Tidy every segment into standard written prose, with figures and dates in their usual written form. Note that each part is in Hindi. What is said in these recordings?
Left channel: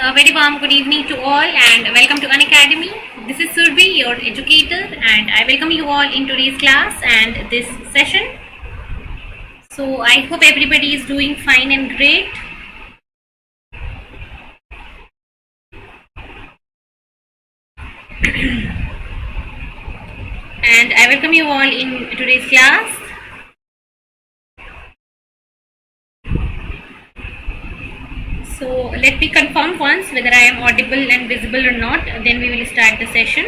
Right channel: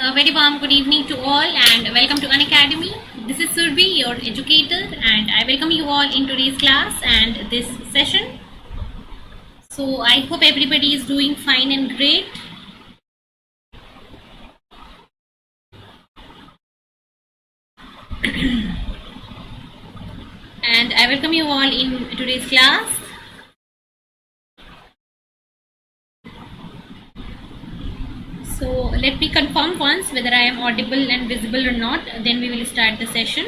a very warm good evening to all and welcome to Unacademy. This is Surbi, your educator, and I welcome you all in today's class and this session. So I hope everybody is doing fine and great. And I welcome you all in today's class. So let me confirm once whether I am audible and visible or not, then we will start the session.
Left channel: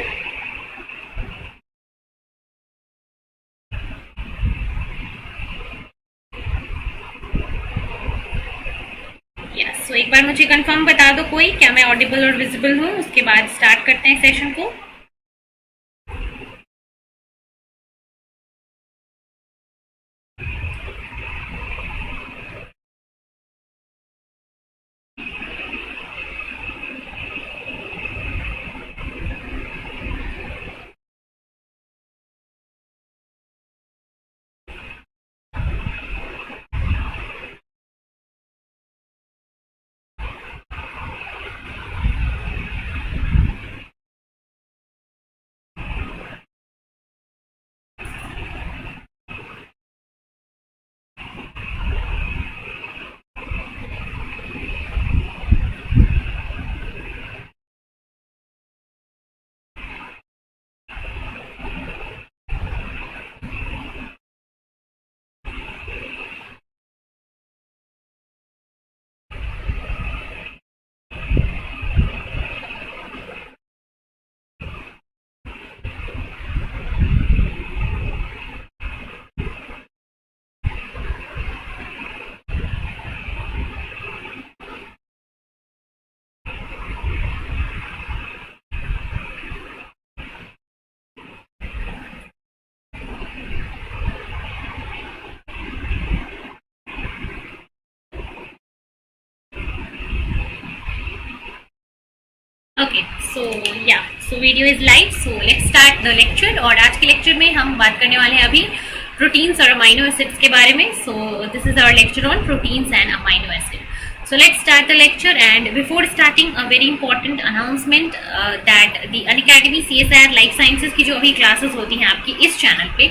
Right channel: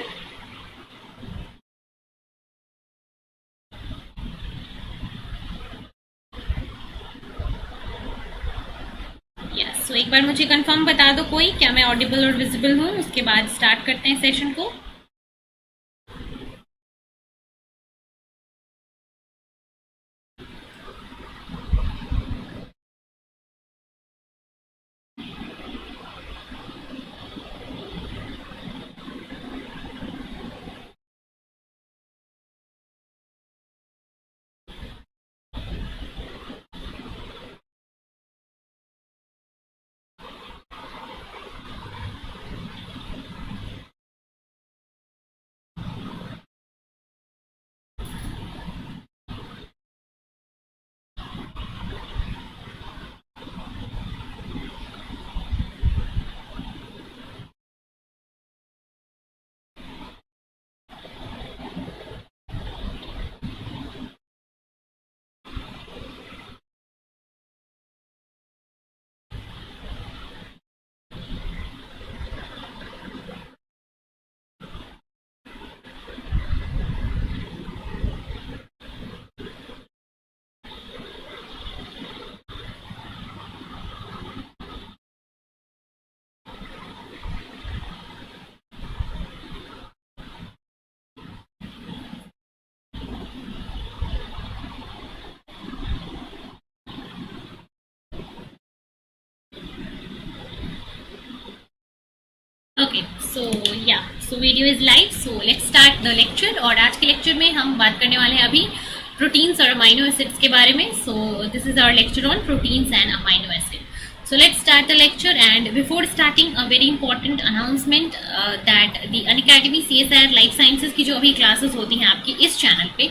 Yes, so एक बार मुझे confirm बता दो कोई क्या मैं audible और visible हूँ, उसके बाद start करते हैं session को. Okay so video is live. So let's start the lecture. और आज के लेक्चर में हम बात करने वाले हैं अभी प्रोटीन्स और अमाइनो एसिड्स के बारे में. So this is our lecture on proteins and amino acid. So let's start the lecture, and before starting a very important announcement that the Unacademy CSIR Life Sciences की जो अभी क्लासेस होती हैं आपकी इस चैनल पे,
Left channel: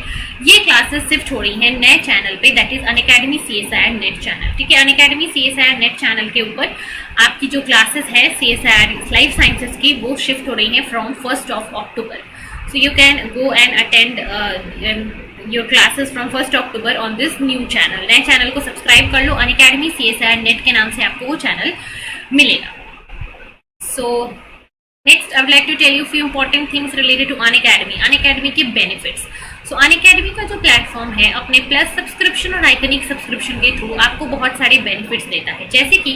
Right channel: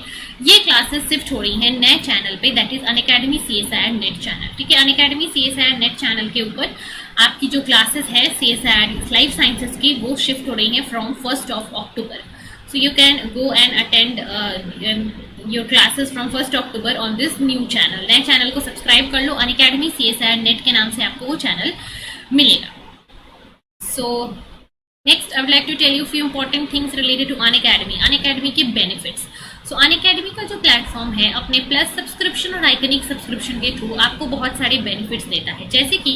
ये क्लासेस शिफ्ट हो रही हैं नए चैनल पे, that is Unacademy CSIR net channel. ठीक है, Unacademy CSIR नेट चैनल के ऊपर आपकी जो क्लासेस है CSIR लाइफ साइंसेस की, वो शिफ्ट हो रही हैं from 1st of October. So you can go and attend your classes from 1st October on this new channel. नए चैनल को सब्सक्राइब कर लो. Unacademy CSIR नेट के नाम से आपको वो चैनल मिलेगा. So next I would like to tell you few important things related to Unacademy. Unacademy के benefits. So Unacademy का जो प्लेटफॉर्म है अपने प्लस सब्सक्रिप्शन और आइकनिक सब्सक्रिप्शन के थ्रू आपको बहुत सारे बेनिफिट्स देता है. जैसे कि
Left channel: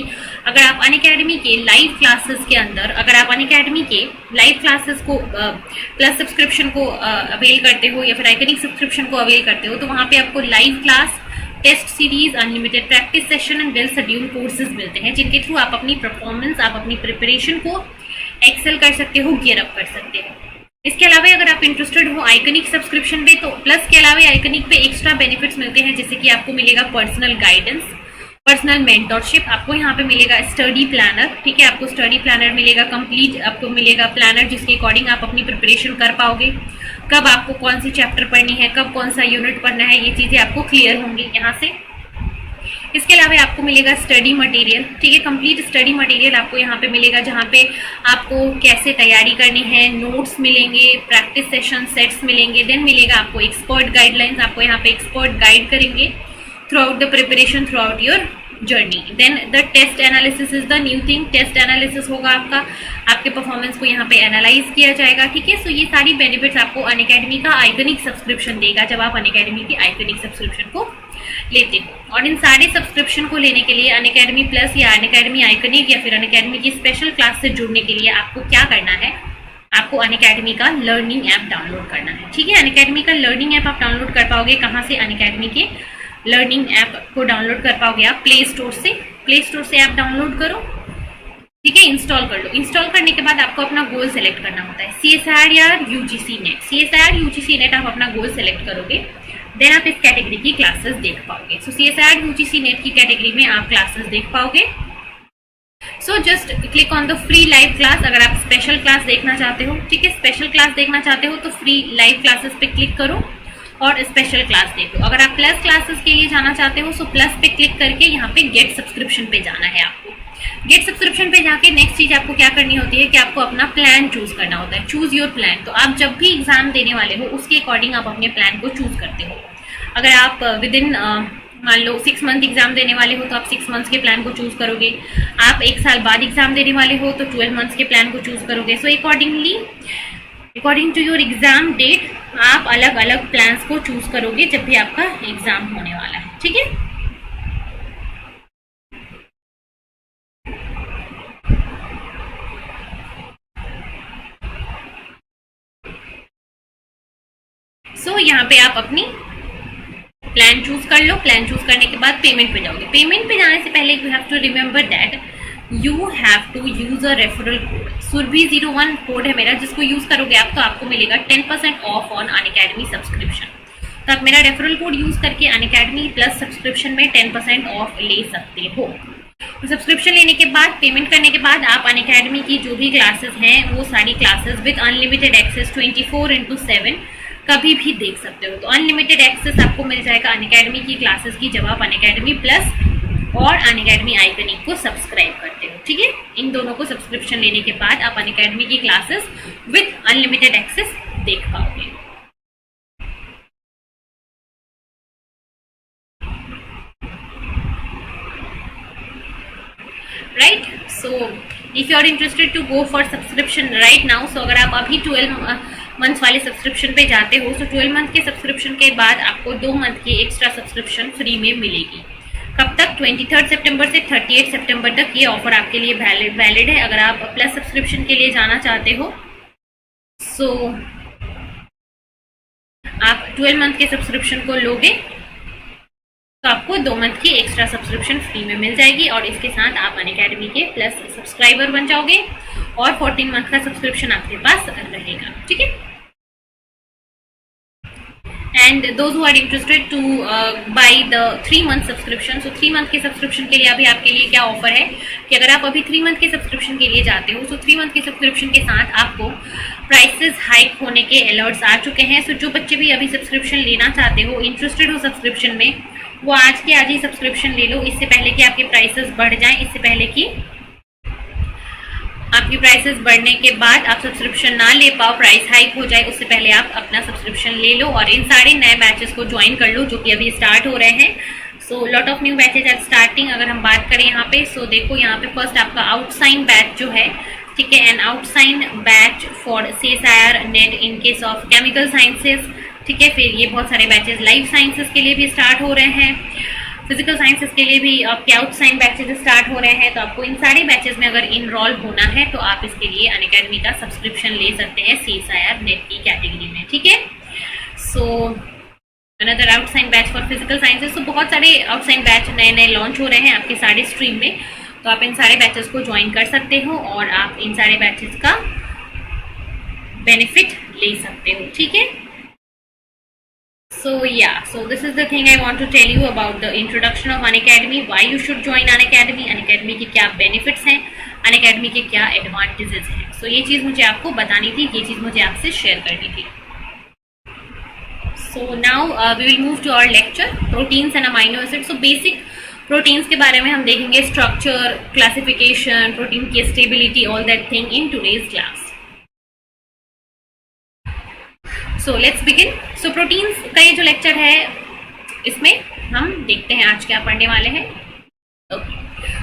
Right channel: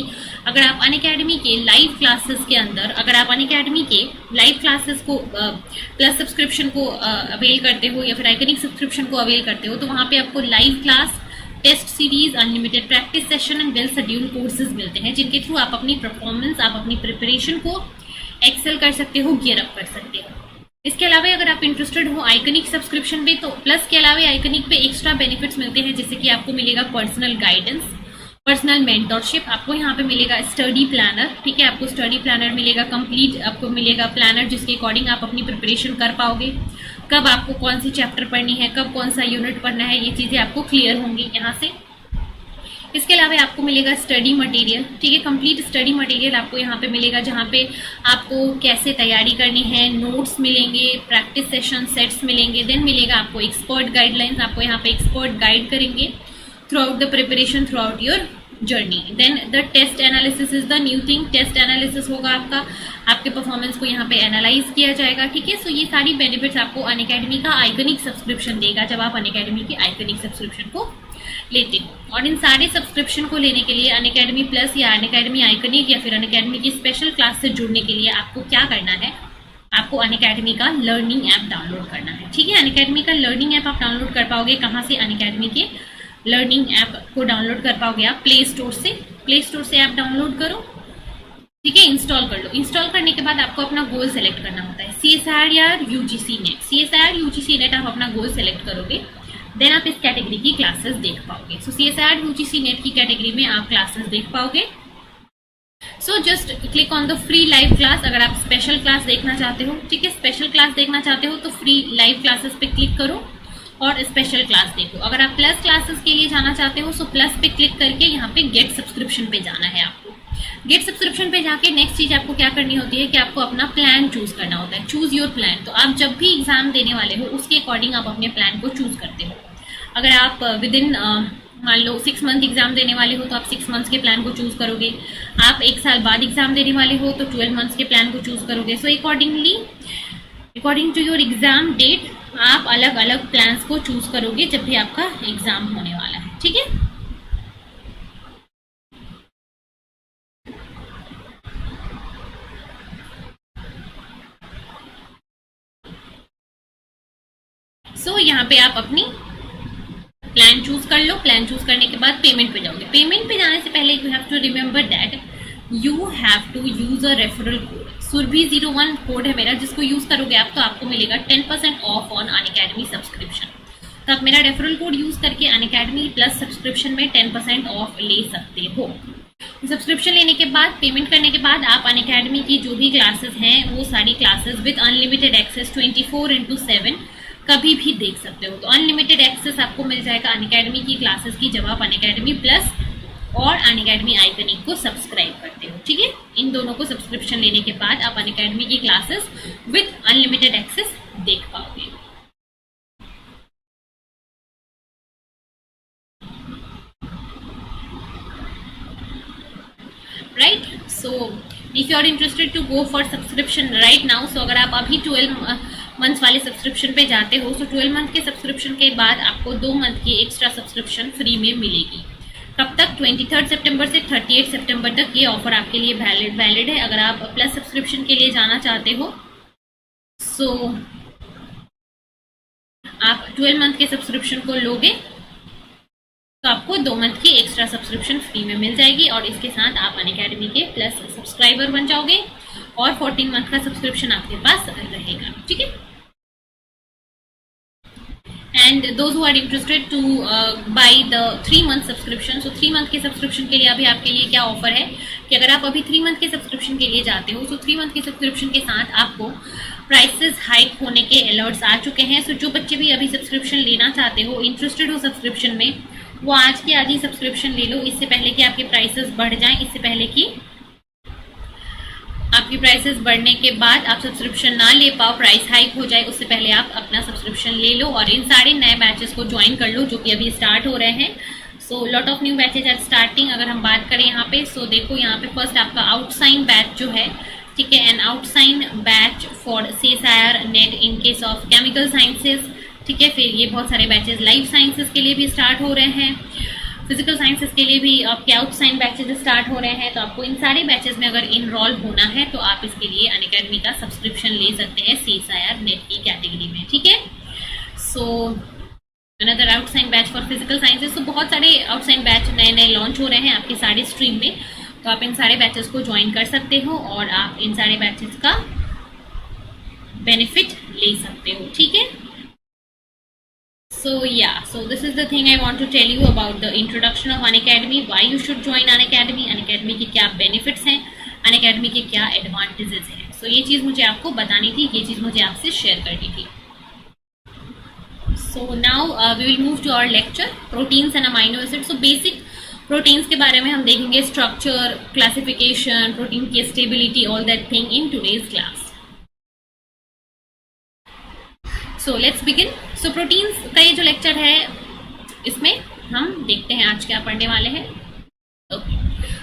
अगर आप Unacademy के लाइव क्लासेस के अंदर, अगर आप Unacademy के लाइव क्लासेस को प्लस सब्सक्रिप्शन को अवेल करते हो या फिर आइकनिक सब्सक्रिप्शन को अवेल करते हो, तो वहाँ पे आपको live class, test series, unlimited practice session and well schedule courses मिलते हैं, जिनके थ्रू आप अपनी परफॉर्मेंस, आप अपनी प्रिपरेशन को एक्सेल कर सकते हो, गियर अप कर सकते हो. इसके अलावा अगर आप इंटरेस्टेड हो आइकनिक सब्सक्रिप्शन पे, तो प्लस के अलावा आइकनिक पे एक्स्ट्रा बेनिफिट्स मिलते हैं, जैसे कि आपको मिलेगा पर्सनल गाइडेंस, पर्सनल मेंटरशिप, आपको यहाँ पे मिलेगा स्टडी प्लानर. ठीक है, आपको स्टडी प्लानर मिलेगा कंप्लीट, आपको मिलेगा प्लानर जिसके अकॉर्डिंग आप अपनी प्रिपरेशन कर पाओगे. कब आपको कौन सी चैप्टर पढ़नी है, कब कौन सा यूनिट पढ़ना है, ये चीज़ें आपको क्लियर होंगी यहाँ से. इसके अलावा आपको मिलेगा स्टडी मटेरियल. ठीक है, कंप्लीट स्टडी मटेरियल आपको यहाँ पे मिलेगा, जहाँ पे आपको कैसे तैयारी करनी है, नोट्स मिलेंगे, प्रैक्टिस सेशन सेट्स मिलेंगे. देन मिलेगा आपको एक्सपर्ट गाइडलाइंस, आपको यहाँ पे एक्सपर्ट गाइड करेंगे throughout the preparation, throughout your journey. Then the test analysis is the new thing. Test analysis होगा आपका, आपके परफॉर्मेंस को यहाँ पे एनालाइज किया जाएगा. ठीक है, सो ये सारी बेनिफिट्स आपको Unacademy का आइकनिक सब्सक्रिप्शन देगा जब आप Unacademy के आइकनिक सब्सक्रिप्शन को लेते हो. और इन सारे सब्सक्रिप्शन को लेने के लिए Unacademy प्लस या Unacademy आइकनिक या फिर Unacademy की स्पेशल क्लास से जुड़ने के लिए आपको क्या करना है, आपको Unacademy का लर्निंग ऐप डाउनलोड करना है. ठीक है, Unacademy का लर्निंग ऐप आप डाउनलोड कर पाओगे कहाँ से? Unacademy के लर्निंग ऐप को डाउनलोड कर पाओगे आप प्ले स्टोर से. प्ले स्टोर से ऐप डाउनलोड करो. ठीक है, इंस्टॉल कर लो. इंस्टॉल करने के बाद आपको अपना गोल सेलेक्ट करना होता है, CSIR या UGC net. CSIR UGC net आप अपना गोल सेलेक्ट करोगे, देन आप इस कैटेगरी की क्लासेस देख पाओगे. सो CSIR UGC नेट की कैटेगरी में आप क्लासेस देख पाओगे. So just click on the free live class. अगर आप स्पेशल क्लास देखना चाहते हो, ठीक है, स्पेशल क्लास देखना चाहते हो तो फ्री लाइव क्लासेस पे क्लिक करो और स्पेशल क्लास देखो। अगर आप प्लस क्लासेस के लिए जाना चाहते हो सो प्लस पे क्लिक करके यहाँ पे गेट सब्सक्रिप्शन पे जाना है आपको। गेट सब्सक्रिप्शन पे जाके नेक्स्ट चीज आपको क्या करनी होती है कि आपको अपना प्लान चूज करना होता है, चूज योर प्लान। तो आप जब भी एग्जाम देने वाले हो उसके अकॉर्डिंग आप अपने प्लान को चूज करते हो। अगर आप विद इन मान लो 6 मंथ एग्जाम देने वाले हो तो आप 6 मंथ्स के प्लान को चूज करोगे। आप 1 साल बाद एग्जाम देने वाले हो तो 12 मंथ्स के प्लान को चूज करोगे। So according to your exam date आप अलग अलग प्लान्स को चूज करोगे जब भी आपका एग्जाम होने वाला है, ठीक है। सो यहाँ पे आप अपनी प्लान चूज कर लो। प्लान चूज करने के बाद पेमेंट पे जाओगे। पेमेंट पे जाने से पहले you have to remember that you have to use a referral code. Surbi01 code है मेरा, जिसको यूज करोगे आप तो आपको मिलेगा 10% ऑफ ऑन अनअकैडमी सब्सक्रिप्शन। तो आप मेरा रेफरल कोड यूज करके अनअकैडमी प्लस सब्सक्रिप्शन में 10% ऑफ ले सकते हो। सब्सक्रिप्शन लेने के बाद, पेमेंट करने के बाद आप अनअकैडमी की जो भी क्लासेस हैं वो सारी क्लासेस विद अनलिमिटेड एक्सेस 24/7 कभी भी देख सकते हो। तो अनलिमिटेड एक्सेस आपको मिल जाएगा अनअकैडमी की क्लासेस की जब आप अनअकैडमी प्लस और अनअकैडमी आइकनिक को सब्सक्राइब करते हो, ठीक है। इन दोनों को सब्सक्रिप्शन लेने के बाद आप अनअकैडमी की क्लासेस विद अनलिमिटेड एक्सेस देख पाओगे। Right, so if you are interested to go for subscription right now, so अगर आप अभी 12 मंथ्स वाले सब्सक्रिप्शन पे जाते हो सो 12 मंथ के सब्सक्रिप्शन के बाद आपको 2 मंथ की एक्स्ट्रा सब्सक्रिप्शन फ्री में मिलेगी। कब तक? 23 सितंबर से 38 सितंबर तक ये ऑफर आपके लिए वैलिड है। अगर आप प्लस सब्सक्रिप्शन के लिए जाना चाहते हो सो आप 12 मंथ के सब्सक्रिप्शन को लोगे तो आपको 2 मंथ की एक्स्ट्रा सब्सक्रिप्शन फ्री में मिल जाएगी और इसके साथ आप अनअकैडमी के प्लस सब्सक्राइबर बन जाओगे और 14 मंथ का सब्सक्रिप्शन आपके पास रहेगा, ठीक है। And those who are interested to buy the 3 month subscription, so 3 month के सब्सक्रिप्शन के लिए अभी आपके लिए क्या ऑफर है कि अगर आप अभी 3 मंथ के सब्सक्रिप्शन के लिए जाते हो सो 3 मंथ के सब्सक्रिप्शन के साथ आपको प्राइसेस हाइक होने के अलर्ट्स आ चुके हैं। सो जो बच्चे भी अभी सब्सक्रिप्शन लेना चाहते हो, इंटरेस्टेड हो सब्सक्रिप्शन में, वो आज के आज ही सब्सक्रिप्शन ले लो, इससे पहले कि आपके प्राइसेस बढ़ जाएं, इससे पहले कि आपकी प्राइसेस बढ़ने के बाद आप सब्सक्रिप्शन ना ले पाओ, प्राइस हाइक हो जाए, उससे पहले आप अपना सब्सक्रिप्शन ले लो और इन सारे नए बैचेस को ज्वाइन कर लो जो कि अभी स्टार्ट हो रहे हैं। So lot of new batches are starting. अगर हम बात करें यहाँ पे, सो देखो यहाँ पे फर्स्ट आपका आउटसाइन बैच जो है, ठीक है, an outshine batch for CSIR NET in case of chemical sciences, ठीक है। फिर ये बहुत सारे बैचेस लाइफ साइंसेस के लिए भी स्टार्ट हो रहे हैं, फिजिकल साइंसेस के लिए भी आपके आउटसाइन बैचेस स्टार्ट हो रहे हैं। तो आपको इन सारे बैचेस में अगर इनरोल होना है तो आप इसके लिए अनअकैडमी का सब्सक्रिप्शन ले सकते हैं CSIR नेट की कैटेगरी में, ठीक है। So another outshine batch for physical sciences. तो बहुत सारे आउटसाइन बैच नए नए लॉन्च हो रहे हैं आपके सारे स्ट्रीम में, तो आप इन सारे बैचेस को ज्वाइन कर सकते हो और आप इन सारे बैचेस का बेनिफिट ले सकते हो, ठीक है। So yeah, so this is the thing I want to tell you about the introduction of Unacademy, why you should join Unacademy, Unacademy के क्या benefits हैं, Unacademy के क्या advantages हैं। So ये चीज़ मुझे आपको बतानी थी, ये चीज़ मुझे आपसे शेयर करनी थी। So now we will move to our lecture, proteins and amino acids. So basic proteins के बारे में हम देखेंगे, structure, classification, protein की stability, all that thing in today's class. So let's begin. So proteins का ये जो लेक्चर है इसमें हम देखते हैं आज क्या पढ़ने वाले हैं।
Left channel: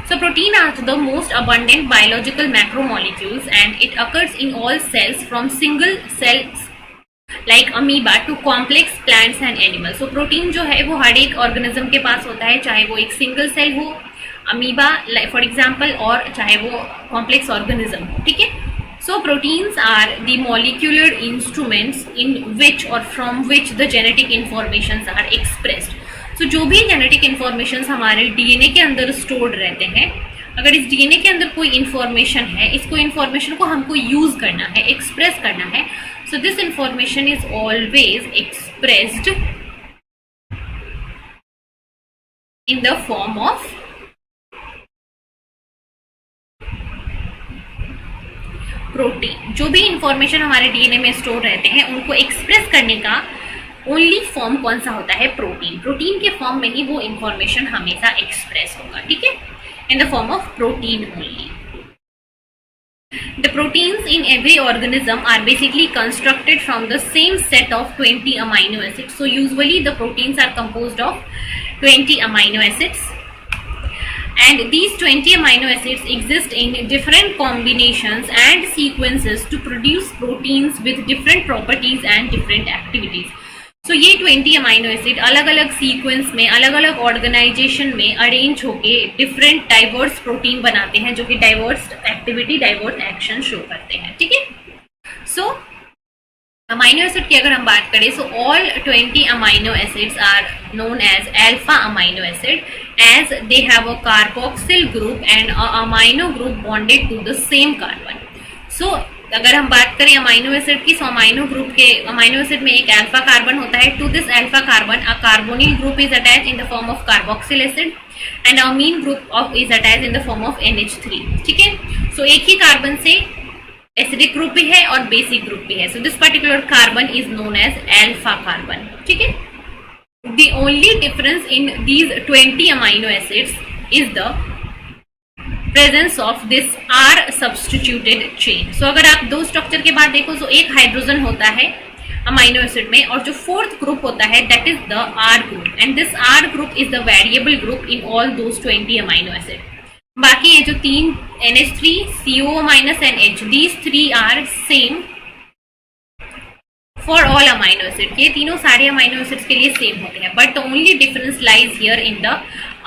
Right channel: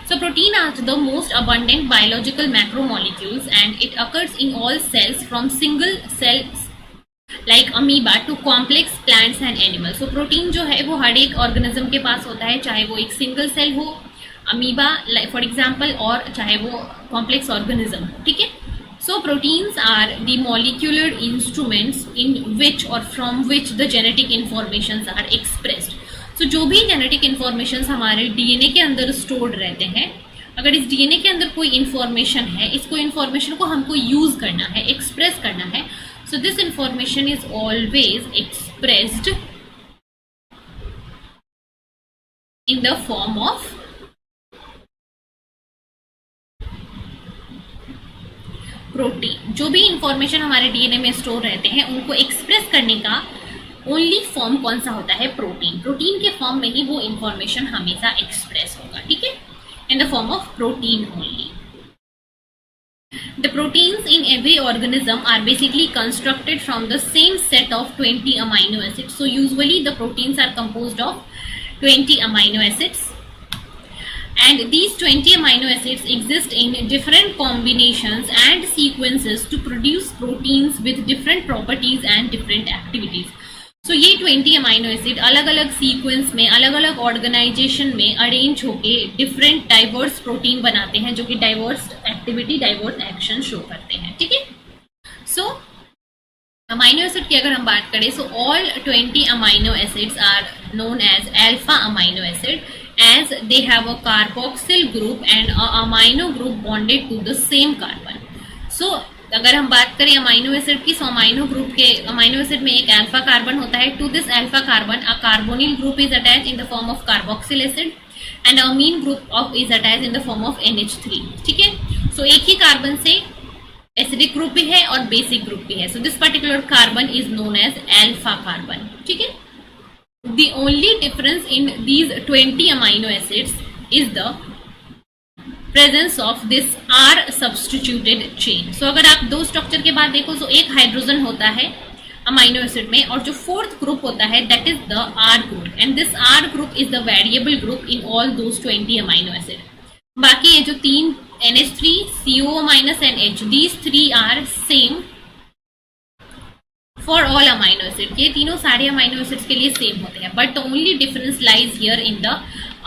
So protein are the most abundant biological macromolecules and it occurs in all cells from single cells like amoeba to complex plants and animals. So protein जो है वो हर एक ऑर्गेनिज्म के पास होता है, चाहे वो एक सिंगल सेल हो, अमीबा फॉर एग्जाम्पल, और चाहे वो कॉम्प्लेक्स ऑर्गेनिज्म, ठीक है। So proteins are the molecular instruments in which or from which the genetic informations are expressed. So जो भी genetic informations हमारे DNA के अंदर stored रहते हैं, अगर इस DNA के अंदर कोई information है, इसको information को हमको use करना है, express करना है, so this information is always expressed in the form of protein, जो भी इंफॉर्मेशन हमारे डीएनए में स्टोर रहते हैं उनको एक्सप्रेस करने का ओनली फॉर्म कौन सा होता है? प्रोटीन। प्रोटीन के फॉर्म में ही वो इंफॉर्मेशन हमेशा एक्सप्रेस होगा, ठीक है, इन the form of protein only. The proteins in every organism are basically constructed from the same set of 20 amino acids. So usually the proteins are composed of 20 amino acids, and these 20 amino acids exist in different combinations and sequences to produce proteins with different properties and different activities. So ये 20 अमाइनो एसिड अलग अलग सीक्वेंस में, अलग अलग ऑर्गेनाइजेशन में अरेंज होके डिफरेंट डाइवर्स प्रोटीन बनाते हैं, जो कि diverse activity, diverse action show करते हैं, ठीक है. सो अमाइनो एसिड की अगर हम बात करें, so all 20 amino acids are known as alpha amino acid, as they have a carboxyl group and a amino group bonded to the same carbon. So अगर हम बात करें अमाइनो एसिड की, सो अमाइनो ग्रुप के, अमाइनो एसिड में एक अल्फा कार्बन होता है. To this alpha carbon a carbonyl group is attach in the form of carboxyl acid and amine group of is attach in the form of NH3, ठीक है. सो एक ही कार्बन से एसिडिक ग्रुप भी है और बेसिक ग्रुप भी है. So this particular carbon is known as alpha carbon, ठीक है. The only difference in these 20 amino acids is the presence of this R substituted chain. So अगर आप दो स्ट्रक्चर के बाद देखो, सो एक हाइड्रोजन होता है अमाइनो एसिड में, और जो फोर्थ ग्रुप होता है that is the R group, and this R group is the variable group in all those 20 amino acid. बाकी ये जो तीन NH3, CO- and H, these three are same for all amino acid. ये तीनों सारे अमाइनो एसिड्स के लिए सेम होते हैं, but the only difference lies here in the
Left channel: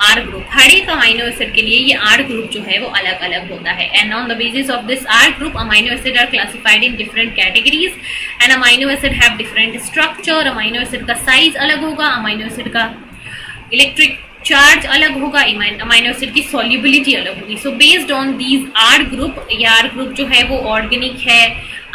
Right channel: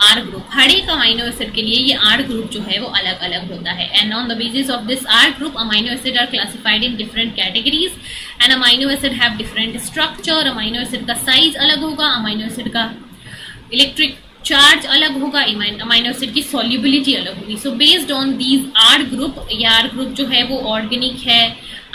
R group. हर एक अमाइनो एसिड के लिए ये आर ग्रुप जो है वो अलग अलग होता है. And on the basis of this R group amino acid are classified in different categories, and amino acid have different structure. Amino acid का साइज अलग होगा, अमाइनो एसिड का इलेक्ट्रिक चार्ज अलग होगा, अमाइनो एसिड की सॉल्युबिलिटी अलग होगी. So based on these R group, या आर ग्रुप जो है वो ऑर्गेनिक है,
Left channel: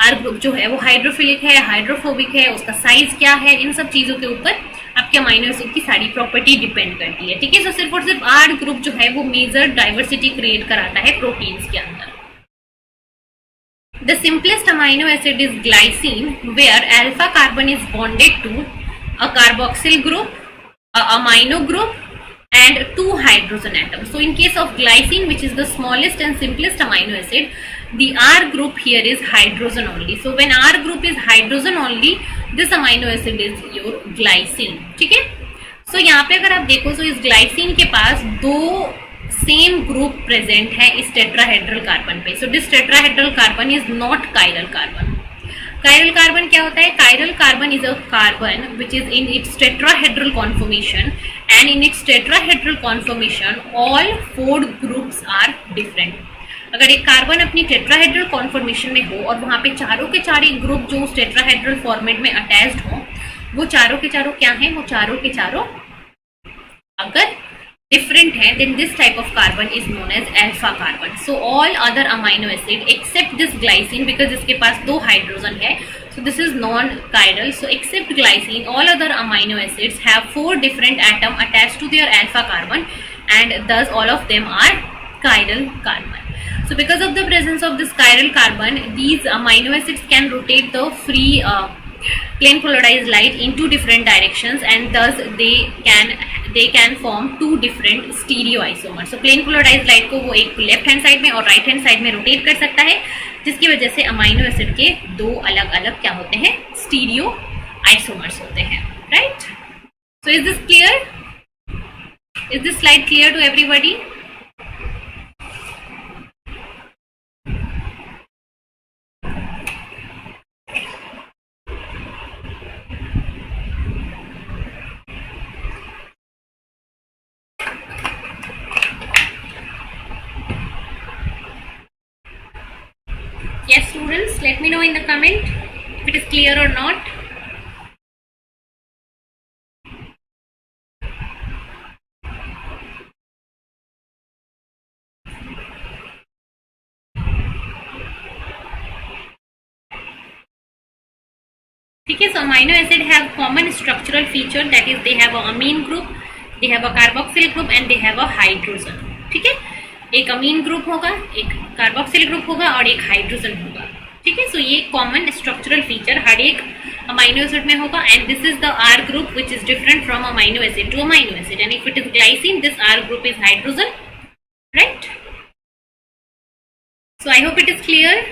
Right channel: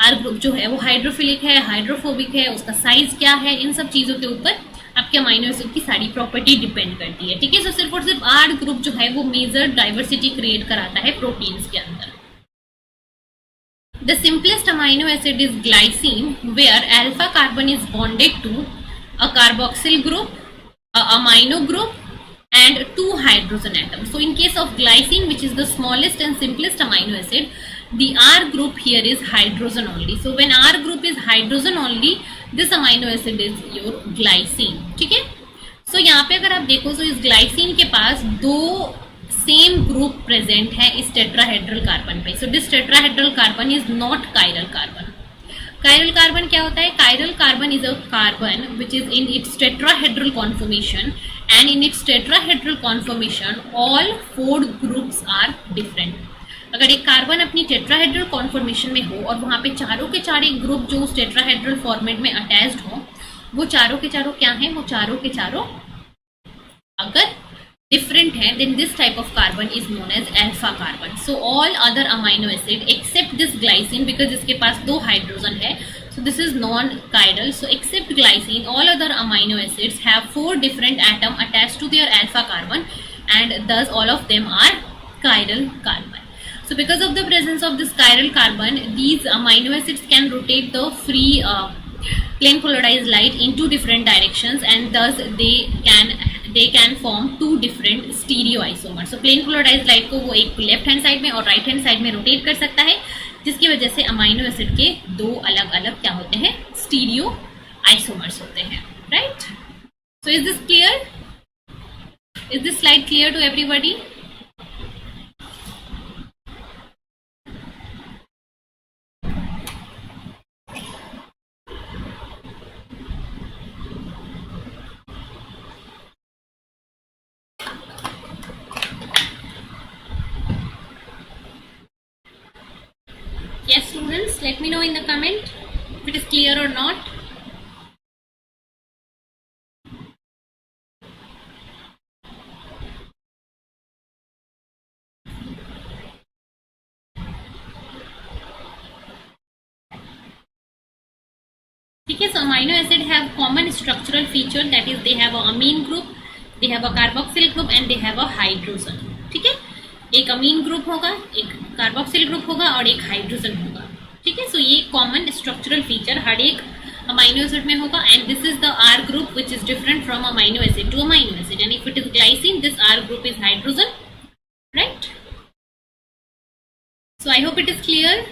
आर ग्रुप जो है वो हाइड्रोफिलिक है, हाइड्रोफोबिक है, उसका साइज क्या है, इन सब चीजों के ऊपर आपके अमाइनो एसिड की सारी प्रॉपर्टी डिपेंड करती है, ठीक है. सो सिर्फ और सिर्फ आर ग्रुप जो है वो मेजर डाइवर्सिटी क्रिएट कराता है प्रोटीन्स के अंदर. The simplest amino acid is glycine, where alpha carbon is bonded to a carboxyl group, a amino group and 2 hydrogen atoms. So in case of glycine, which is the smallest and simplest amino acid, the R group here is hydrogen only. So when R group is hydrogen only, this amino acid is your glycine, ठीक है. So यहाँ पे अगर आप देखो, so इस glycine के पास दो सेम ग्रुप प्रेजेंट है इस टेट्राहेड्रल कार्बन पे. So this tetrahedral carbon is not chiral carbon. Chiral carbon क्या होता है? Chiral carbon is a carbon which is in its tetrahedral conformation, and in its tetrahedral conformation all 4 groups are different. अगर एक कार्बन अपनी टेट्राहेड्रल कॉन्फॉर्मेशन में हो और वहाँ पे चारों के चारे ग्रुप जो उस टेट्राहेड्रल फॉर्मेट में अटैच्ड हो, वो चारों के चारों क्या हैं? वो चारों के चारों अगर different है, then this type of carbon is known as alpha carbon. So all other amino acid except this glycine, because इसके पास दो हाइड्रोजन है, so this is non-chiral. So except glycine, all other amino acids have 4 different atoms attached to their alpha carbon, and thus all of them are chiral carbon. So because of the presence of this chiral carbon, these amino acids can rotate the free plane polarized light in 2 different directions, and thus they can form 2 different stereoisomers. So plane polarized light को वो एक लेफ्ट हैंड साइड में और राइट हैंड साइड में रोटेट कर सकता है, जिसकी वजह से अमाइनो एसिड के दो अलग अलग क्या होते हैं? स्टीरियो आइसोमर्स होते हैं, right. So is this clear? Is this slide clear to everybody? Yes, students, let me know in the comment if it is clear or not. ठीक है. So amino acid have common structural feature, that is they have a amine group, they have a carboxyl group and they have a hydrogen. ठीक है. एक अमीन ग्रुप होगा, एक कार्बोक्सिल ग्रुप होगा और एक हाइड्रोजन होगा. ठीक है. सो ये कॉमन स्ट्रक्चरल फीचर हर एक अमाइनो एसिड में होगा. And this is the R group which is different from amino acid to amino acid. And if it is glycine, this R group is hydrogen, right. So I hope it is clear.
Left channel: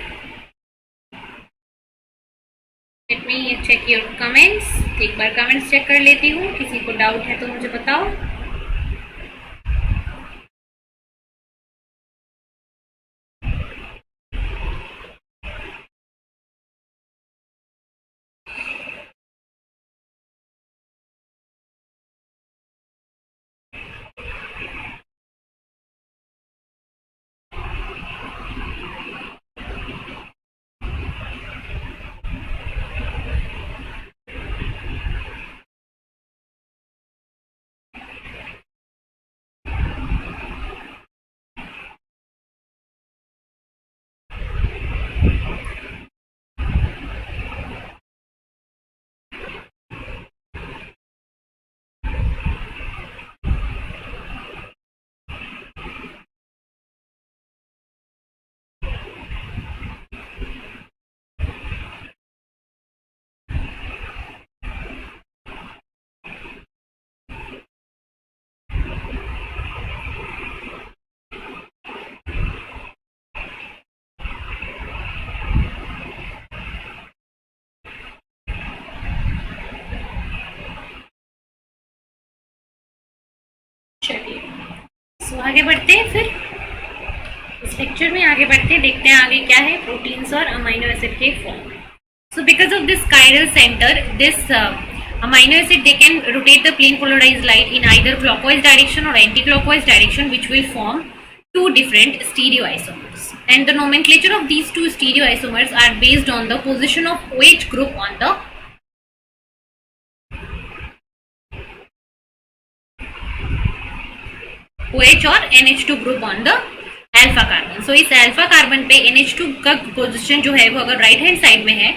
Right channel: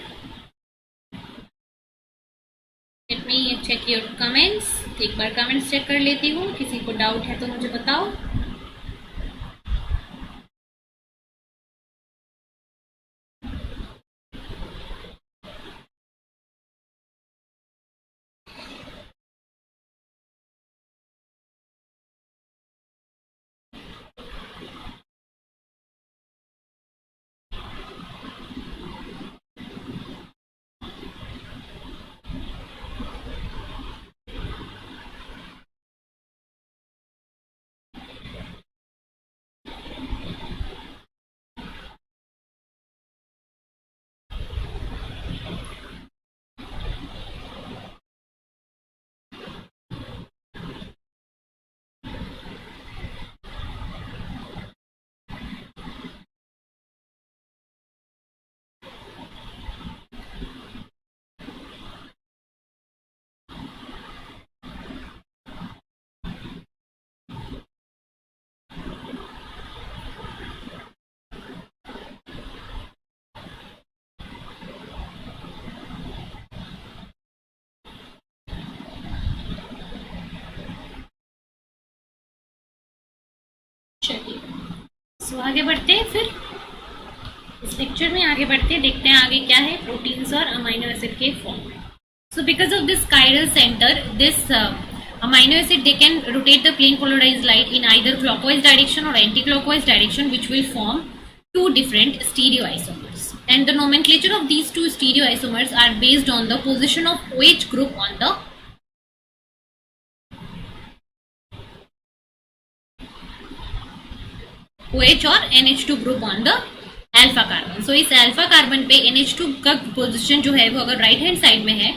Let me check your comments. एक बार कमेंट्स चेक कर लेती हूँ. किसी को डाउट है तो मुझे बताओ. चलिए, सो आगे बढ़ते हैं. फिर इस लेक्चर में आगे बढ़ते हैं, देखते हैं आगे क्या है प्रोटीन्स और अमाइनो एसिड के फॉर्म में. So because of this chiral centre, this amino acid they can rotate the plane polarised light in either clockwise direction और anti clockwise direction, which will form two different stereoisomers. And the nomenclature of these two stereoisomers are based on the position of OH group on the OH और NH2 group on the alpha carbon. So इस अल्फा कार्बन पे NH2 का पोजीशन जो है वो अगर राइट हैंड साइड में है,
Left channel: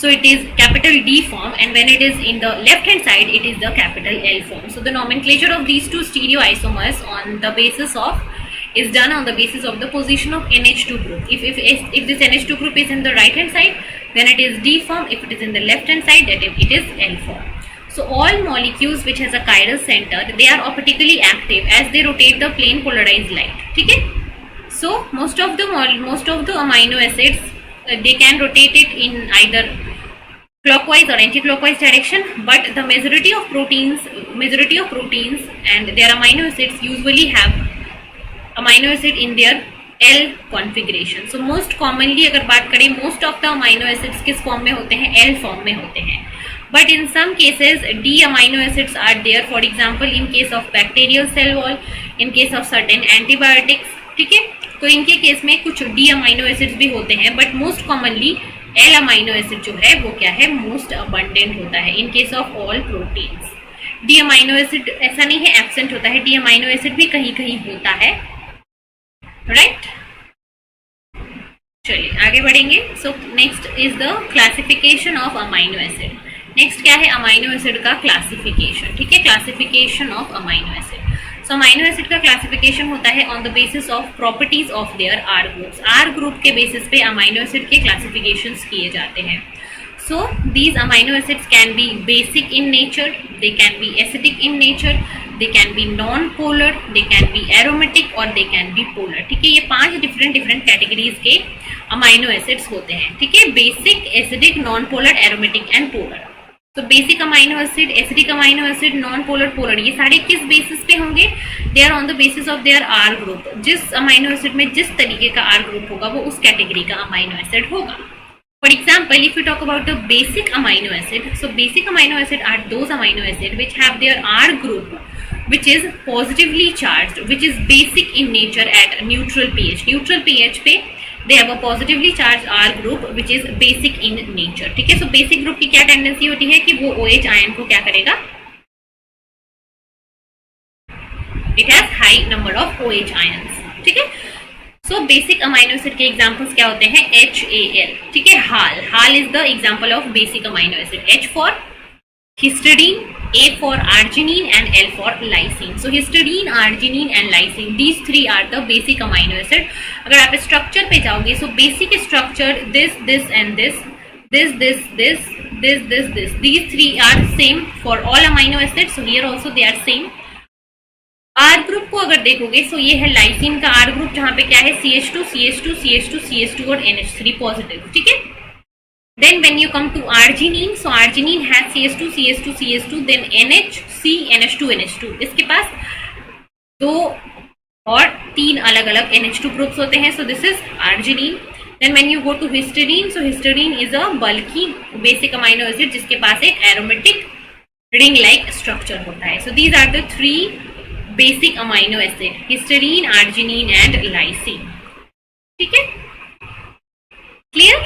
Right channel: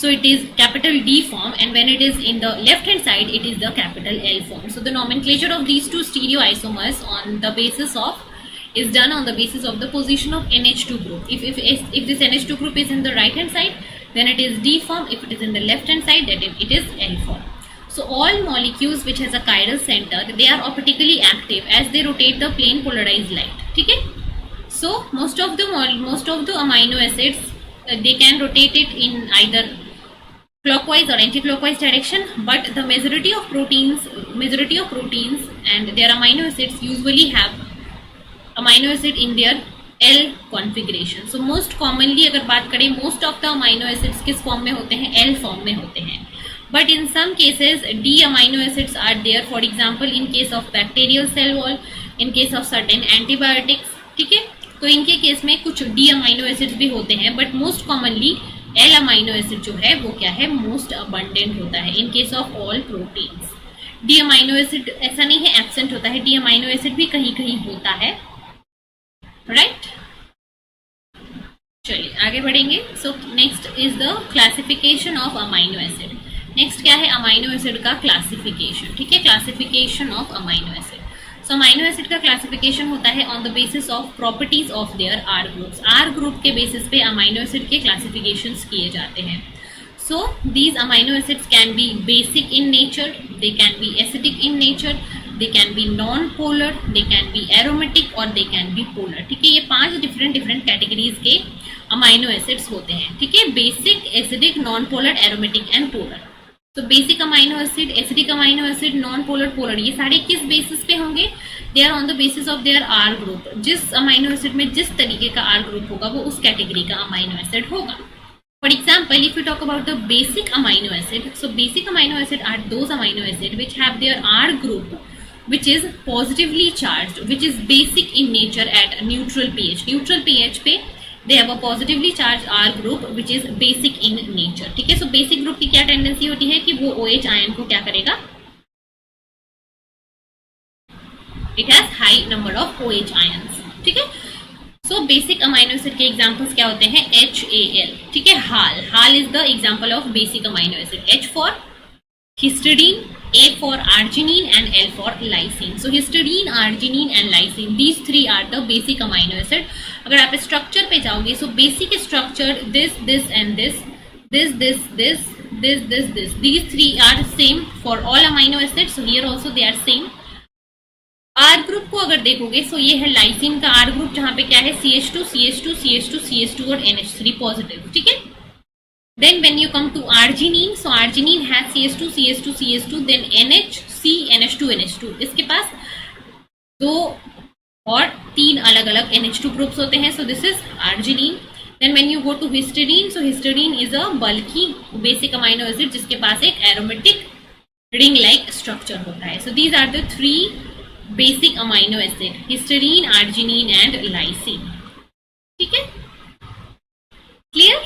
so it is capital D form, and when it is in the left hand side it is the capital L form. So the nomenclature of these two stereoisomers on the basis of is done on the basis of the position of NH2 group. If this NH2 group is in the right hand side, then it is D form. If it is in the left hand side, then it is L form. So all molecules which has a chiral center, they are optically active as they rotate the plane polarized light. ठीक है. So most of the amino acids they can rotate it in either clockwise or anti-clockwise direction, but the majority of proteins and their amino acids usually have amino acid in their L configuration. So most commonly अगर बात करें, most of the amino acids किस फॉर्म में होते हैं? L फॉर्म में होते हैं. But in some cases D amino acids are there. For example, in case of bacterial cell wall, in case of certain antibiotics. ठीक है. तो इनके केस में कुछ D amino acids भी होते हैं, but most commonly L amino acid जो है वो क्या है? Most abundant होता है in case of all proteins. D amino acid ऐसा नहीं है absent होता है, D amino acid भी कहीं कहीं होता है, right? चलिए आगे बढ़ेंगे. So next is the classification of amino acid. Next क्या है? अमाइनो एसिड का क्लासिफिकेशन. ठीक है, classification of amino acid. So amino acid का क्लासिफिकेशन होता है on the basis of properties of their R groups. R group के बेसिस पे अमाइनो एसिड के क्लासिफिकेशंस किए जाते हैं. So these amino acids can be basic in nature, they can be acidic in nature, they can be non polar, they can be aromatic और दे कैन बी पोलर. ठीक है, ये 5 डिफरेंट कैटेगरीज के अमाइनो एसिड्स होते हैं. ठीक है, basic, acidic, non polar, aromatic and polar. तो basic amino acid, acidic amino acid, non polar, polar, ये सारे किस बेसिस पे होंगे? They are on the basis of their R group. जिस अमाइनो एसिड में जिस तरीके का आर ग्रुप होगा वो उस कैटेगरी का अमाइनो एसिड होगा. For example, if you talk about the basic amino acid, so basic amino acid are those amino acid which have their R group which is positively charged, which is basic in nature at neutral pH. Neutral pH पे they have a positively charged R group which is basic in nature. ठीक है, so basic group की क्या टेंडेंसी होती है कि वो OH आयन को क्या करेगा? It has high number of OH ions. ठीक है, so basic amino acid के examples क्या होते हैं? HAL. ठीक है, HAL. HAL is the example of basic amino acid. H for histidine, A for arginine and L for lysine. So histidine, arginine and lysine, these three are the basic amino acid. अगर आप स्ट्रक्चर पे जाओगे, so basic structure this and this. These three are same for all amino acids. So here also they are same. R group को अगर देखोगे, so ये है लाइसिन का R ग्रुप, जहां पे क्या है CH2, CH2, CH2, CH2 और NH3 पॉजिटिव, ठीक है. Then when you come to arginine, so arginine has CH2, CH2, CH2, then NHC, NH2, NH2. इसके पास 2 और 3 अलग अलग NH2 ग्रुप्स होते हैं. So this is arginine. Then when you go to histidine, so histidine is a bulky basic amino acid जिसके पास एक aromatic ring like structure होता है. So these are the 3 basic amino acid: histidine, arginine and lysine. ठीक है, clear?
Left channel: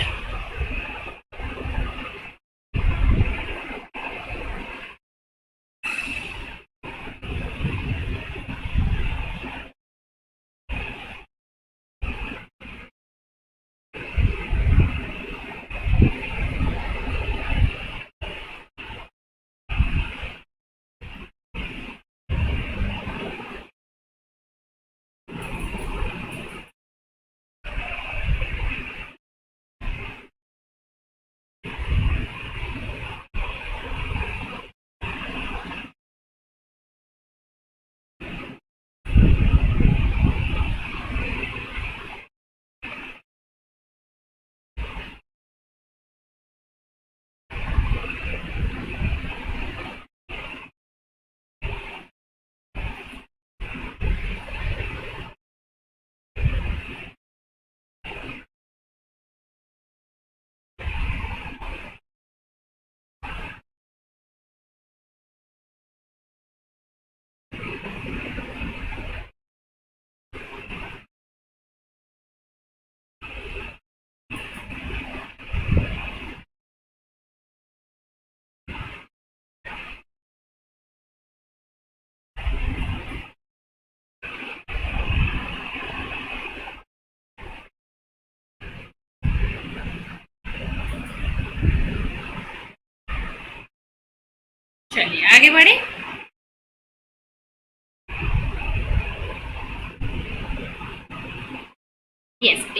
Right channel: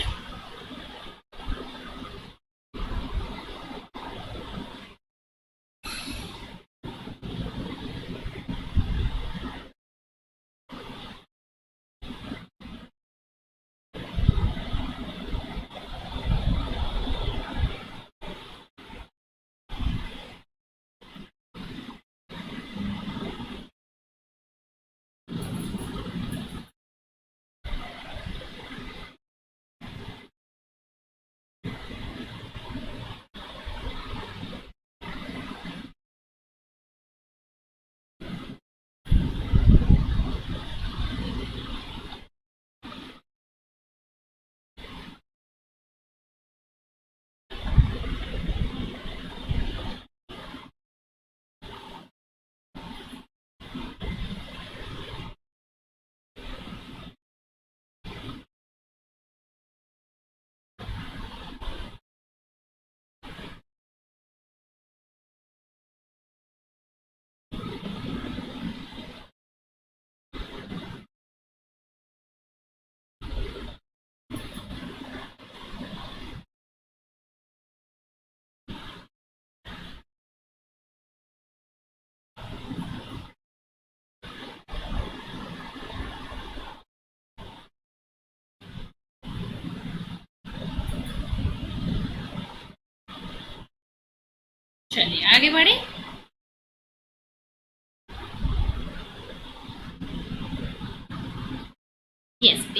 चलिए आगे बढ़े.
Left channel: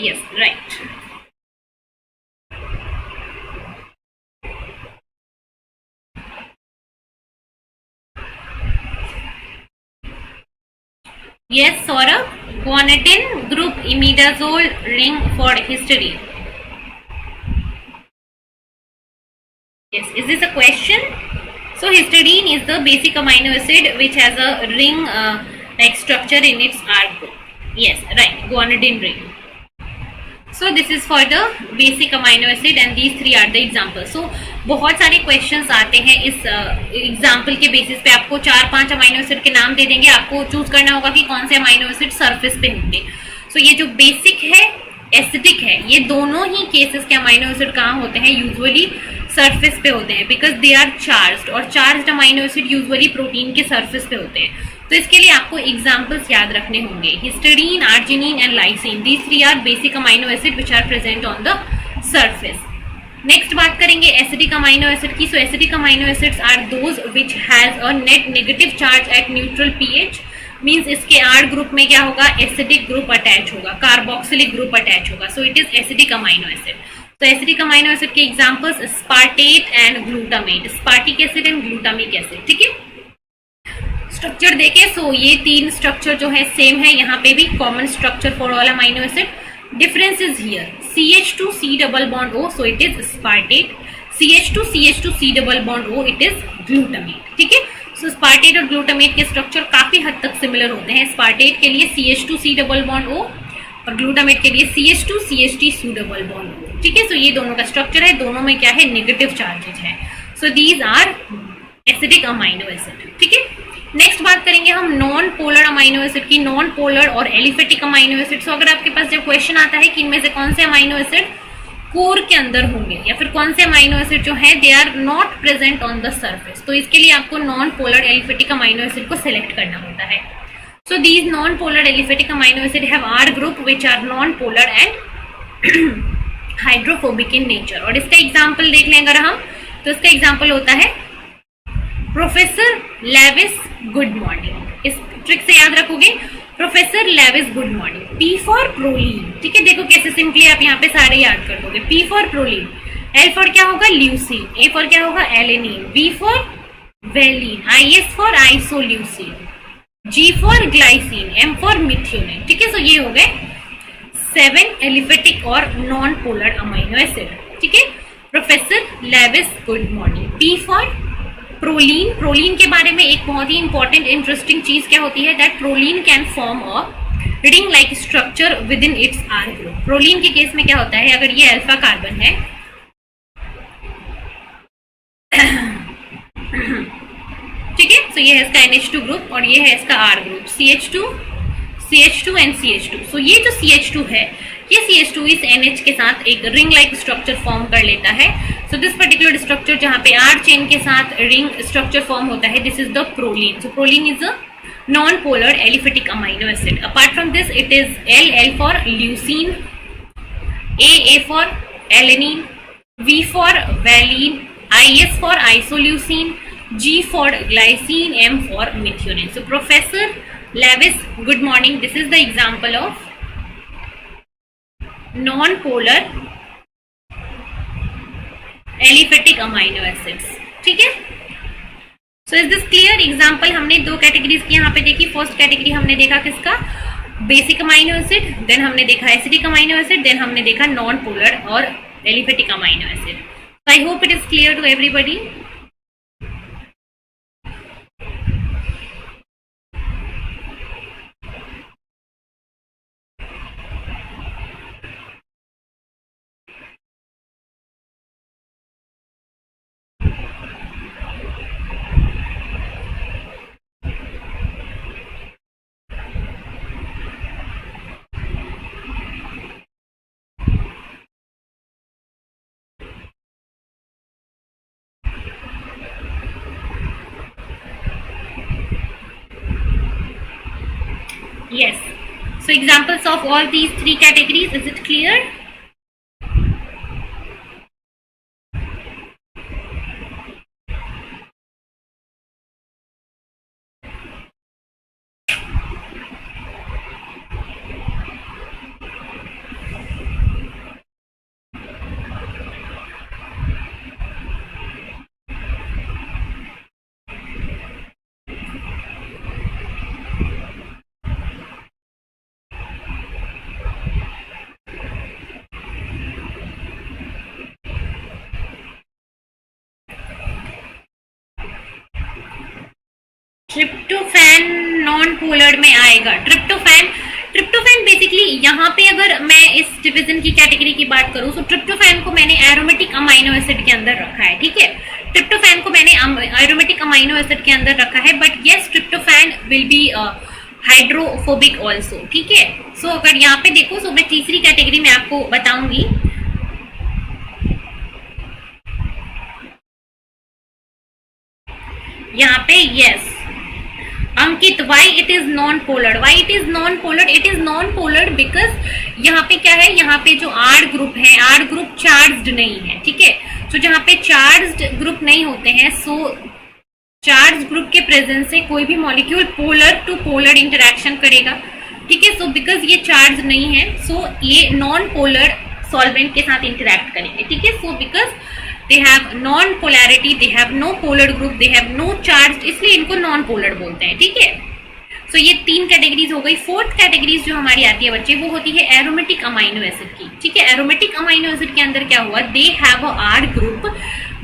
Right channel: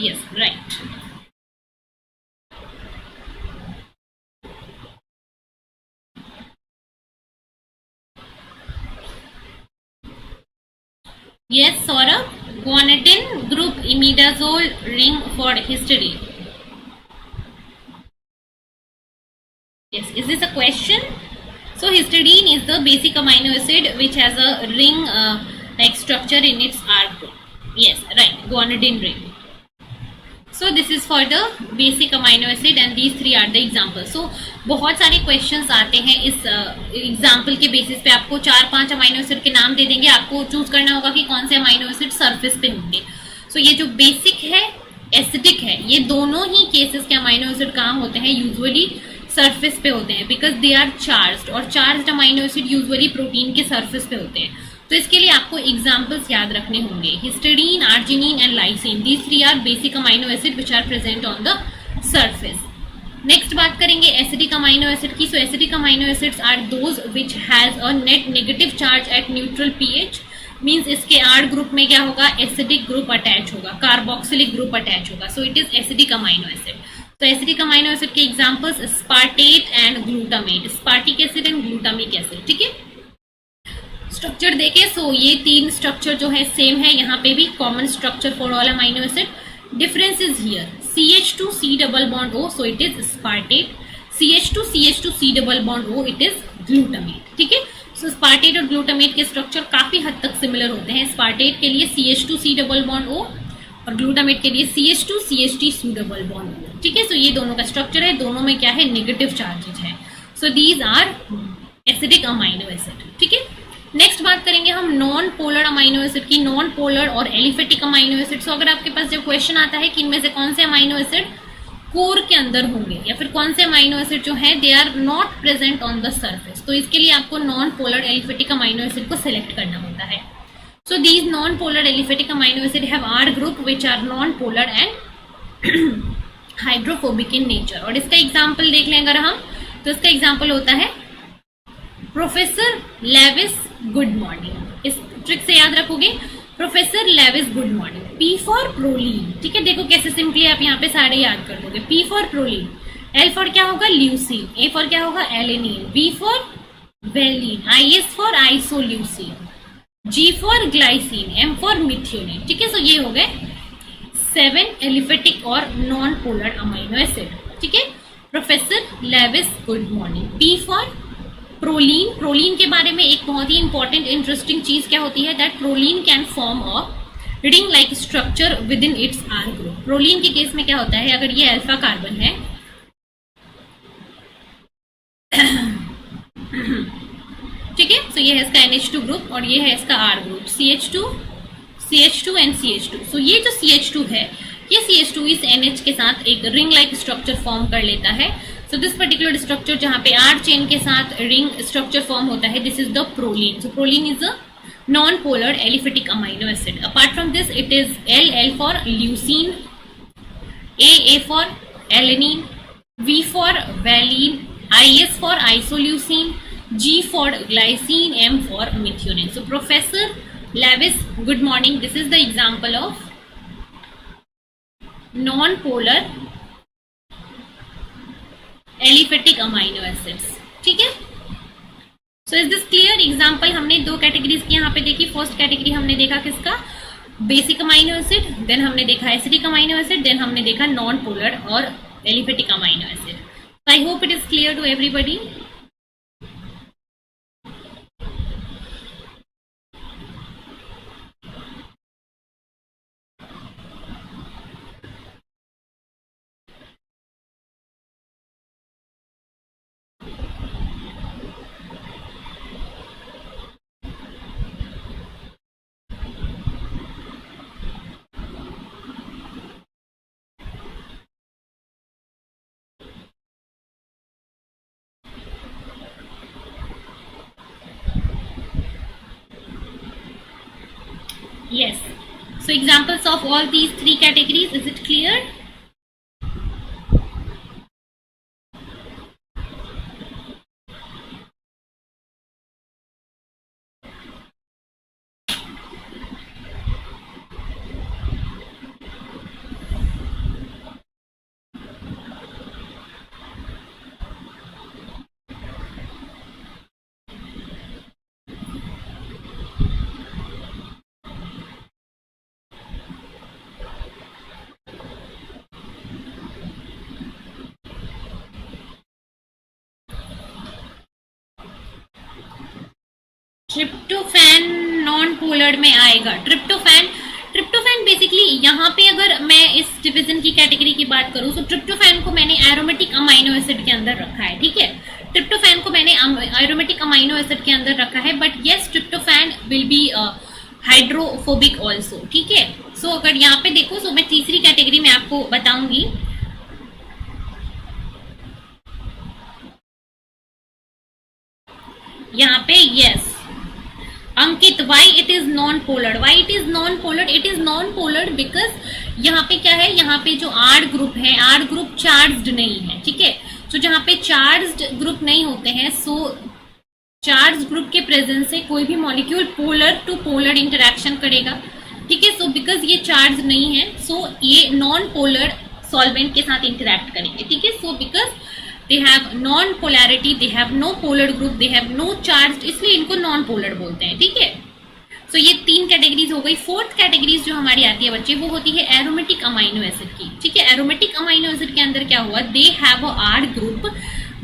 yes, right. Yes, Saurabh. Guanidine group imidazole ring for histidine. Yes, is this a question? So histidine is the basic amino acid which has a ring like structure in its R group. Yes, right, guanidine ring. So this is for the basic amino acid and these three are the examples. So बहुत सारे questions आते हैं इस एग्जाम्पल के बेसिस पे. आपको 4-5 अमाइनो एसिड के नाम दे देंगे, आपको चूज करना होगा कि कौन से अमाइनो एसिड सरफेस पे होंगे. सो ये जो बेसिक है, एसिडिक है, ये दोनों ही केसेस के अमाइनो एसिड कहाँ होते हैं? यूजुअली सरफेस पे होते हैं, बिकॉज दे आर चार्ज्ड, और charged amino acid usually protein के सरफेस पे होते हैं. तो इसके लिए आपको एग्जाम्पल्स याद रखने होंगे. Histidine, arginine and lysine, these three are basic amino acid which are present on the surface. Next बात करेंगे एसिडिक अमाइनो एसिड की. So acidic amino acids are those which has a net negative charge at neutral pH. Means इसके आर ग्रुप में क्या होगा? एसिडिक ग्रुप अटैच होगा, कार्बोक्सिलिक ग्रुप अटैच होगा. So it is acidic amino acid. तो एसिडिक अमाइनो एसिड के examples स्पार्टेट and glutamate, स्पार्टिक acid and glutamic acid. ठीक है, स्ट्रक्चर देखे. सो ये तीन स्ट्रक्चर जो है सेम है, यहाँ पे भी common structure for all amino acid. Difference is here CH2 C double bond O, so it is aspartate. CH2 CH2 C double bond O, it is glutamate. ठीक है, सो स्पार्टेट और ग्लूटामेट के स्ट्रक्चर काफी हद तक सिमिलर होते हैं. स्पार्टेट के लिए CH2 C double bond O और ग्लूटामेट के लिए CH2 CH3 C double bond O. ठीक है, सो ये दोनों का स्ट्रक्चर है, दोनों में क्या है? नेगेटिव चार्जेज है. So these are acidic amino acid. ठीक है, नेक्स्ट बात करेंगे हम नॉन पोलर अमाइनो एसिड की. नॉन पोलर और एलिफेटिक अमाइनो एसिड. सो अगर आपके पास जब क्वेश्चन आता है कि इनमें से कौन से अमाइनो एसिड कोर के अंदर होंगे या फिर कौन से अमाइनो एसिड जो है they are not present on the surface, तो इसके लिए आपको non polar aliphatic amino acid को सिलेक्ट करना होता है. So these non polar aliphatic amino acid have R group which are non polar and hydrophobic in nature. और इसका एग्जाम्पल देख लें अगर हम, तो इसका एग्जाम्पल होता है प्रोफेसर लेविस गुड मॉर्निंग, इस ट्रिक से याद रखोगे, professor Lewis good morning. P for proline, ठीक है, देखो कैसे सिंपली आप यहाँ पे सारे याद कर दोगे। P for proline, L for क्या होगा ल्यूसीन, ए फॉर क्या होगा alanine, B for valine, I S for isoleucine, G for glycine, M for methionine, ठीक है। तो ये हो गए 7 एलिफेटिक और नॉन पोलर अमाइनो एसिड, ठीक है। Professor Lewis good morning. P for proline, proline के बारे में एक बहुत ही इंपॉर्टेंट इंटरेस्टिंग चीज क्या होती है, that proline can form a ring like structure within its R group. Proline के केस में क्या होता है, अगर ये अल्फा कार्बन है ठीक है, तो ये है इसका NH2 ग्रुप और ये है इसका R group, CH2 and CH2। सो ये जो CH2 है, ये CH2 इस NH के साथ एक रिंग लाइक स्ट्रक्चर फॉर्म कर लेता है। सो दिस पर्टिकुलर स्ट्रक्चर जहां पे R चेन के साथ रिंग स्ट्रक्चर फॉर्म होता है, this is the proline. So proline is a non polar aliphatic amino acid. Apart from this it is L for leucine, A for alanine, V for valine, IS for isoleucine, G for glycine, M for methionine. So Professor Levis, good morning. This is the example of non-polar aliphatic amino acids. ठीक है? So is this clear? Example हमने 2 कैटेगरीज की यहाँ पे देखी। फर्स्ट कैटेगरी हमने देखा किसका, बेसिक अमाइनो एसिड, देन हमने देखा एसिडिक अमाइनो एसिड, देन हमने देखा नॉन पोलर और aliphatic amino acid. So I hope it is clear to everybody. Yes. So examples of all these 3 categories, is it clear? Tryptophan non polar में आएगा। ट्रिप्टोफैन बेसिकली यहाँ पे अगर मैं इस डिवीजन की कैटेगरी की बात करूँ तो ट्रिप्टोफैन को मैंने एरोमेटिक अमाइनो एसिड के अंदर रखा है, ठीक है। ट्रिप्टोफैन को मैंने एरोमेटिक अमाइनो एसिड के अंदर रखा है, but yes tryptophan will be hydrophobic also, ठीक है। सो अगर यहाँ पे देखो, सो मैं तीसरी कैटेगरी में आपको बताऊंगी। यहाँ पे yes Ankit, why it is non-polar? Why it is non-polar? It is non-polar because यहाँ पे क्या है, यहाँ पे जो R ग्रुप है, R ग्रुप चार्ज्ड नहीं है, ठीक है। तो जहाँ पे चार्ज्ड ग्रुप नहीं होते हैं, सो चार्ज ग्रुप के प्रेजेंस से कोई भी molecule polar to polar interaction करेगा, ठीक है। सो बिकॉज ये चार्ज नहीं है, सो ये नॉन पोलर सॉल्वेंट के साथ इंटरेक्ट करेंगे, ठीक है। So because they have non polarity, they have no polar group, they have no charge, इसलिए इनको नॉन पोलर बोलते हैं, ठीक है। सो ये 3 कैटेगरीज हो गई। फोर्थ कैटेगरीज जो हमारी आती है बच्चे, वो होती है एरोमेटिक अमाइनो एसिड की, ठीक है। एरोमेटिक अमाइनो एसिड के अंदर क्या हुआ, they have a R group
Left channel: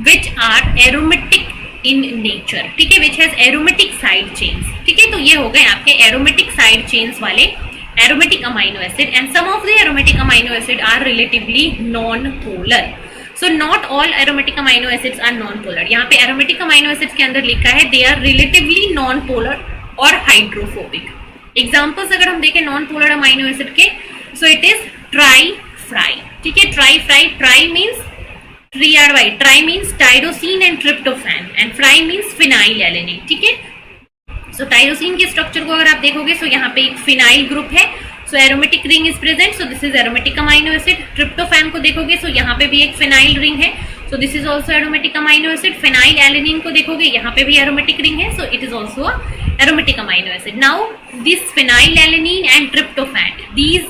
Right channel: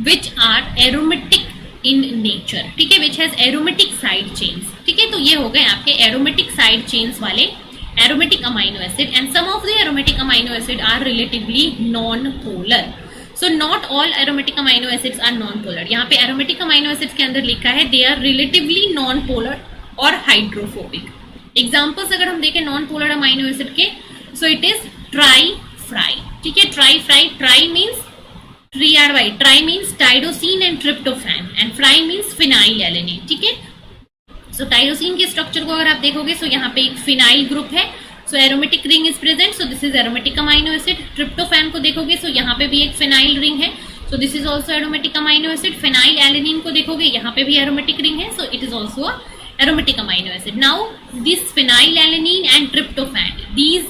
which are aromatic in nature, ठीक है, which has aromatic side chains, ठीक है। तो ये हो गए आपके एरोमेटिक साइड चेन्स वाले aromatic amino acid, and some of the aromatic amino acid are relatively non polar. So not all aromatic amino acids are non polar. यहाँ पे एरोमेटिक अमाइनो एसिड्स के अंदर लिखा है they are relatively non polar और हाइड्रोफोबिक। एग्जाम्पल्स अगर हम देखें नॉन पोलर अमाइनो एसिड के, सो इट इज ट्राई फ्राई, ठीक है। Try fry, try means try means tyrosine and tryptophan, and fry means phenyl alanine, ठीक है। सो टाइरोसिन के स्ट्रक्चर को अगर आप देखोगे, सो यहाँ पे एक फिनाइल ग्रुप है, so aromatic ring is present, so this is aromatic amino acid. Tryptophan को देखोगे, सो यहाँ पे भी एक फिनाइल रिंग है, so this is also aromatic amino acid. Phenylalanine को देखोगे यहाँ पे भी एरोमेटिक रिंग है, so it is also a aromatic amino acid. Now this phenylalanine and tryptophan, these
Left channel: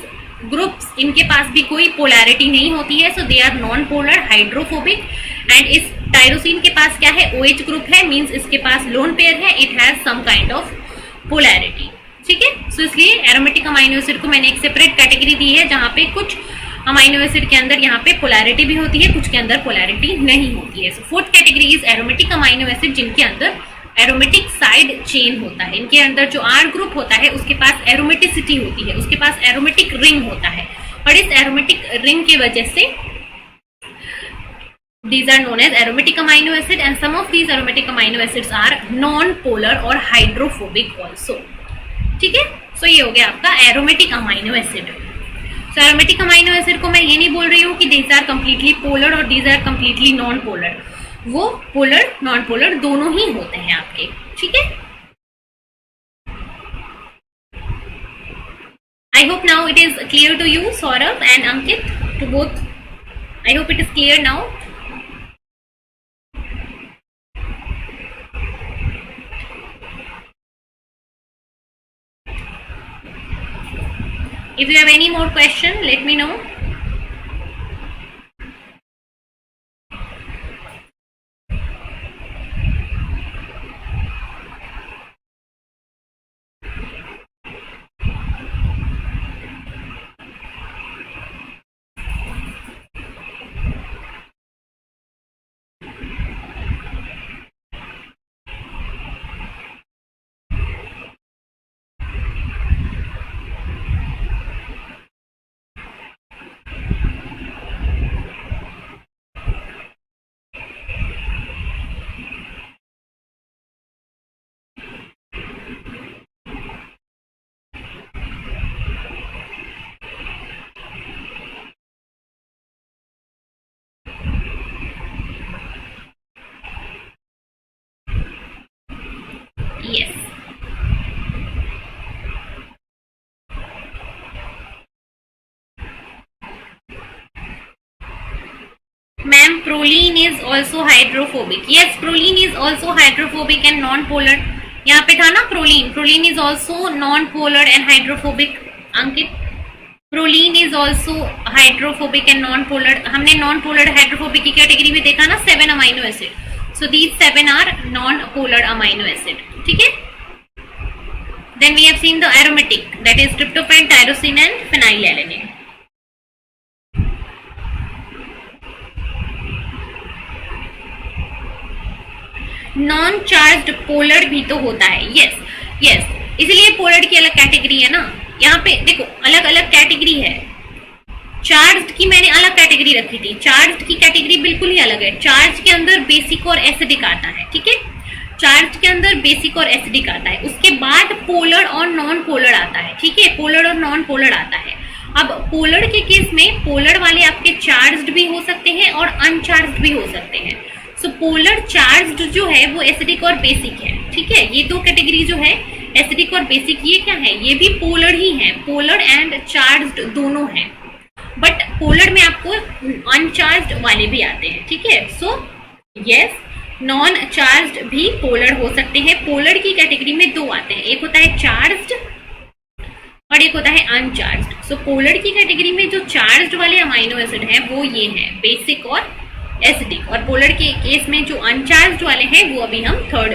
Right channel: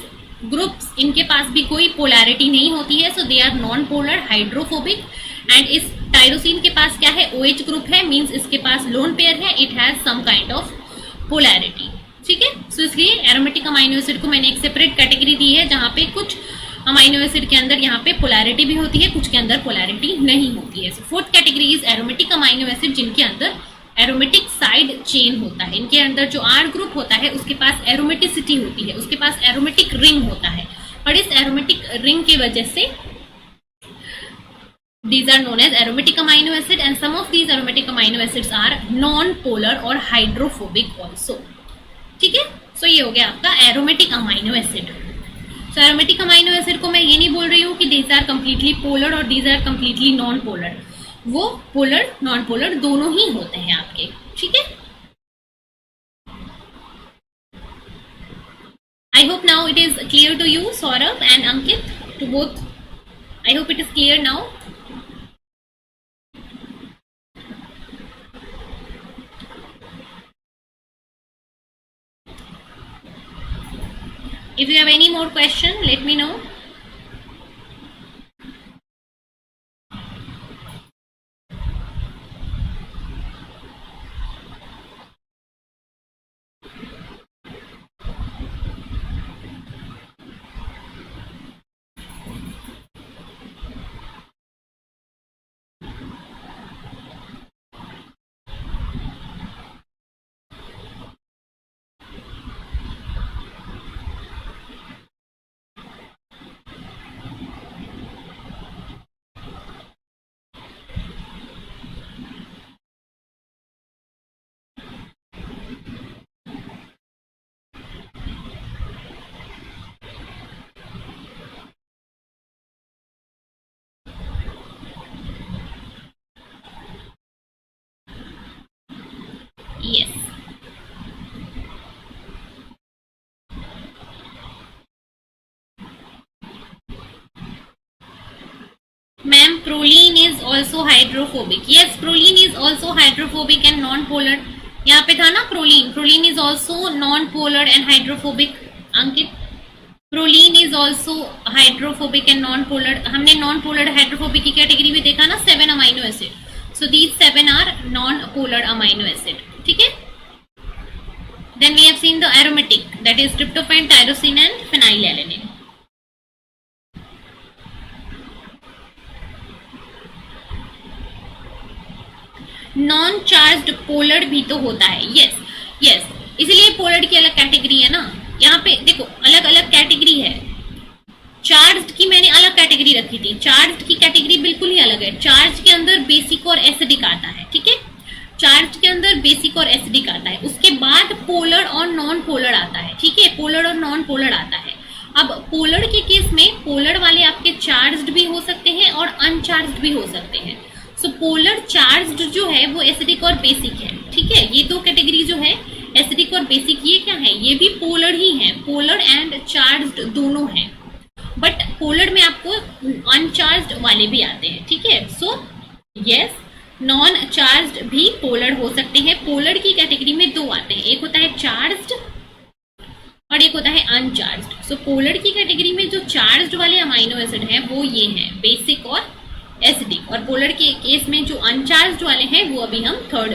groups, इनके पास भी कोई पोलैरिटी नहीं होती है, so they are non polar, hydrophobic. And इस टायरोसिन के पास क्या है, OH ग्रुप है, मींस इसके पास लोन पेयर है, it has some kind of polarity. ठीक है, सो इसलिए एरोमेटिक अमाइनो एसिड को मैंने एक सेपरेट कैटेगरी दी है, जहां पे कुछ अमाइनो एसिड के अंदर यहाँ पे पोलैरिटी भी होती है, कुछ के अंदर पोलैरिटी नहीं होती है. So fourth category is aromatic amino acid, जिनके अंदर एरोमेटिक साइड चेन होता है. इनके अंदर जो R ग्रुप होता है उसके पास एरोमेटिसिटी होती है, उसके पास एरोमेटिक रिंग होता है, और इस एरोमेटिक रिंग की वजह से these are known as aromatic amino acid, and some of these aromatic amino acids are non-polar और hydrophobic also. ठीक है, सो ये हो गया आपका एरोमेटिक अमाइनो एसिड. सो एरोमेटिक अमाइनो एसिड को मैं ये नहीं बोल रही हूँ कि these are completely polar और these are completely non-polar. वो पोलर नॉन पोलर दोनों ही होते हैं आपके. ठीक है, I hope now it is clear to you, Saurabh and Ankit, to both. I hope it is clear now. If you have any more question, let me know. Yes. Ma'am, proline is also hydrophobic. Yes, proline is also hydrophobic and non-polar. यहाँ पे था ना proline. Proline is also non-polar and hydrophobic. Ankit, proline is also hydrophobic and non-polar. हमने non-polar hydrophobic की कैटेगरी में देखा ना 7 amino acid. So these 7 are non-polar amino acid. ठीक है? Then we have seen the aromatic, that is tryptophan, tyrosine and phenylalanine. Non charged polar भी तो होता है. यस यस, इसलिए पोलर की अलग कैटेगरी है ना. यहाँ पे देखो अलग अलग कैटेगरी है. चार्ज्ड की मैंने अलग कैटेगरी रखी थी, चार्ज्ड की कैटेगरी बिल्कुल ही अलग है. चार्ज के अंदर बेसिक और एसिडिक आता है. ठीक है, चार्ज के अंदर बेसिक और एसिडिक आता है. उसके बाद पोलर और नॉन पोलर आता है. ठीक है, पोलर और नॉन पोलर आता है. अब पोलर के केस में पोलर वाले आपके चार्ज्ड भी हो सकते हैं और अनचार्ज्ड भी हो सकते हैं. सो पोलर चार्ज्ड जो है वो एसिडिक और बेसिक है. ठीक है, ये दो कैटेगरी जो है एसिडिक और बेसिक, ये क्या है, ये भी पोलर ही है. पोलर एंड चार्ज्ड दोनों हैं, बट पोलर में आपको अनचार्ज्ड वाले भी आते हैं. ठीक है, सो यस, नॉन चार्ज्ड भी पोलर हो सकते हैं. पोलर की कैटेगरी में दो आते हैं, एक होता है चार्ज्ड और एक होता है अनचार्ज्ड. सो पोलर की कैटेगरी में जो चार्ज्ड वाले अमाइनो एसिड हैं वो ये हैं, बेसिक और एसिडिक. और पोलर के केस में जो अनचार्ज्ड वाले हैं वो अभी हम थर्ड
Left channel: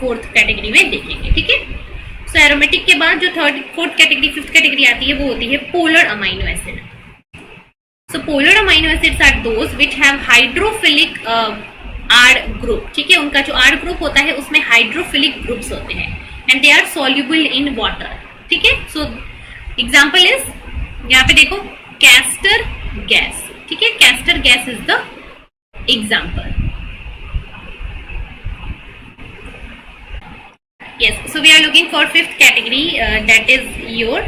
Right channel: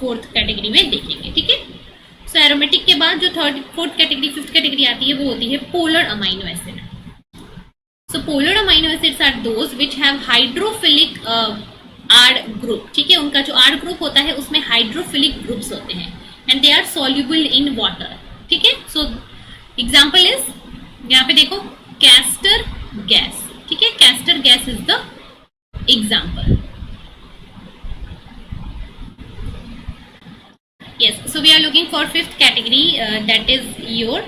फोर्थ कैटेगरी में देखेंगे. ठीक है, सो एरोमेटिक के बाद जो third fourth category fifth category आती है वो होती है polar amino acid. So polar amino acids are those which have hydrophilic R group. ठीक है, उनका जो R ग्रुप होता है उसमें हाइड्रोफिलिक ग्रुप्स होते हैं and they are soluble in water. ठीक है, सो एग्जांपल इज, यहाँ पे देखो कैस्टर गैस. ठीक है, castor gas is the example. Yes, so we are looking for fifth category, that is your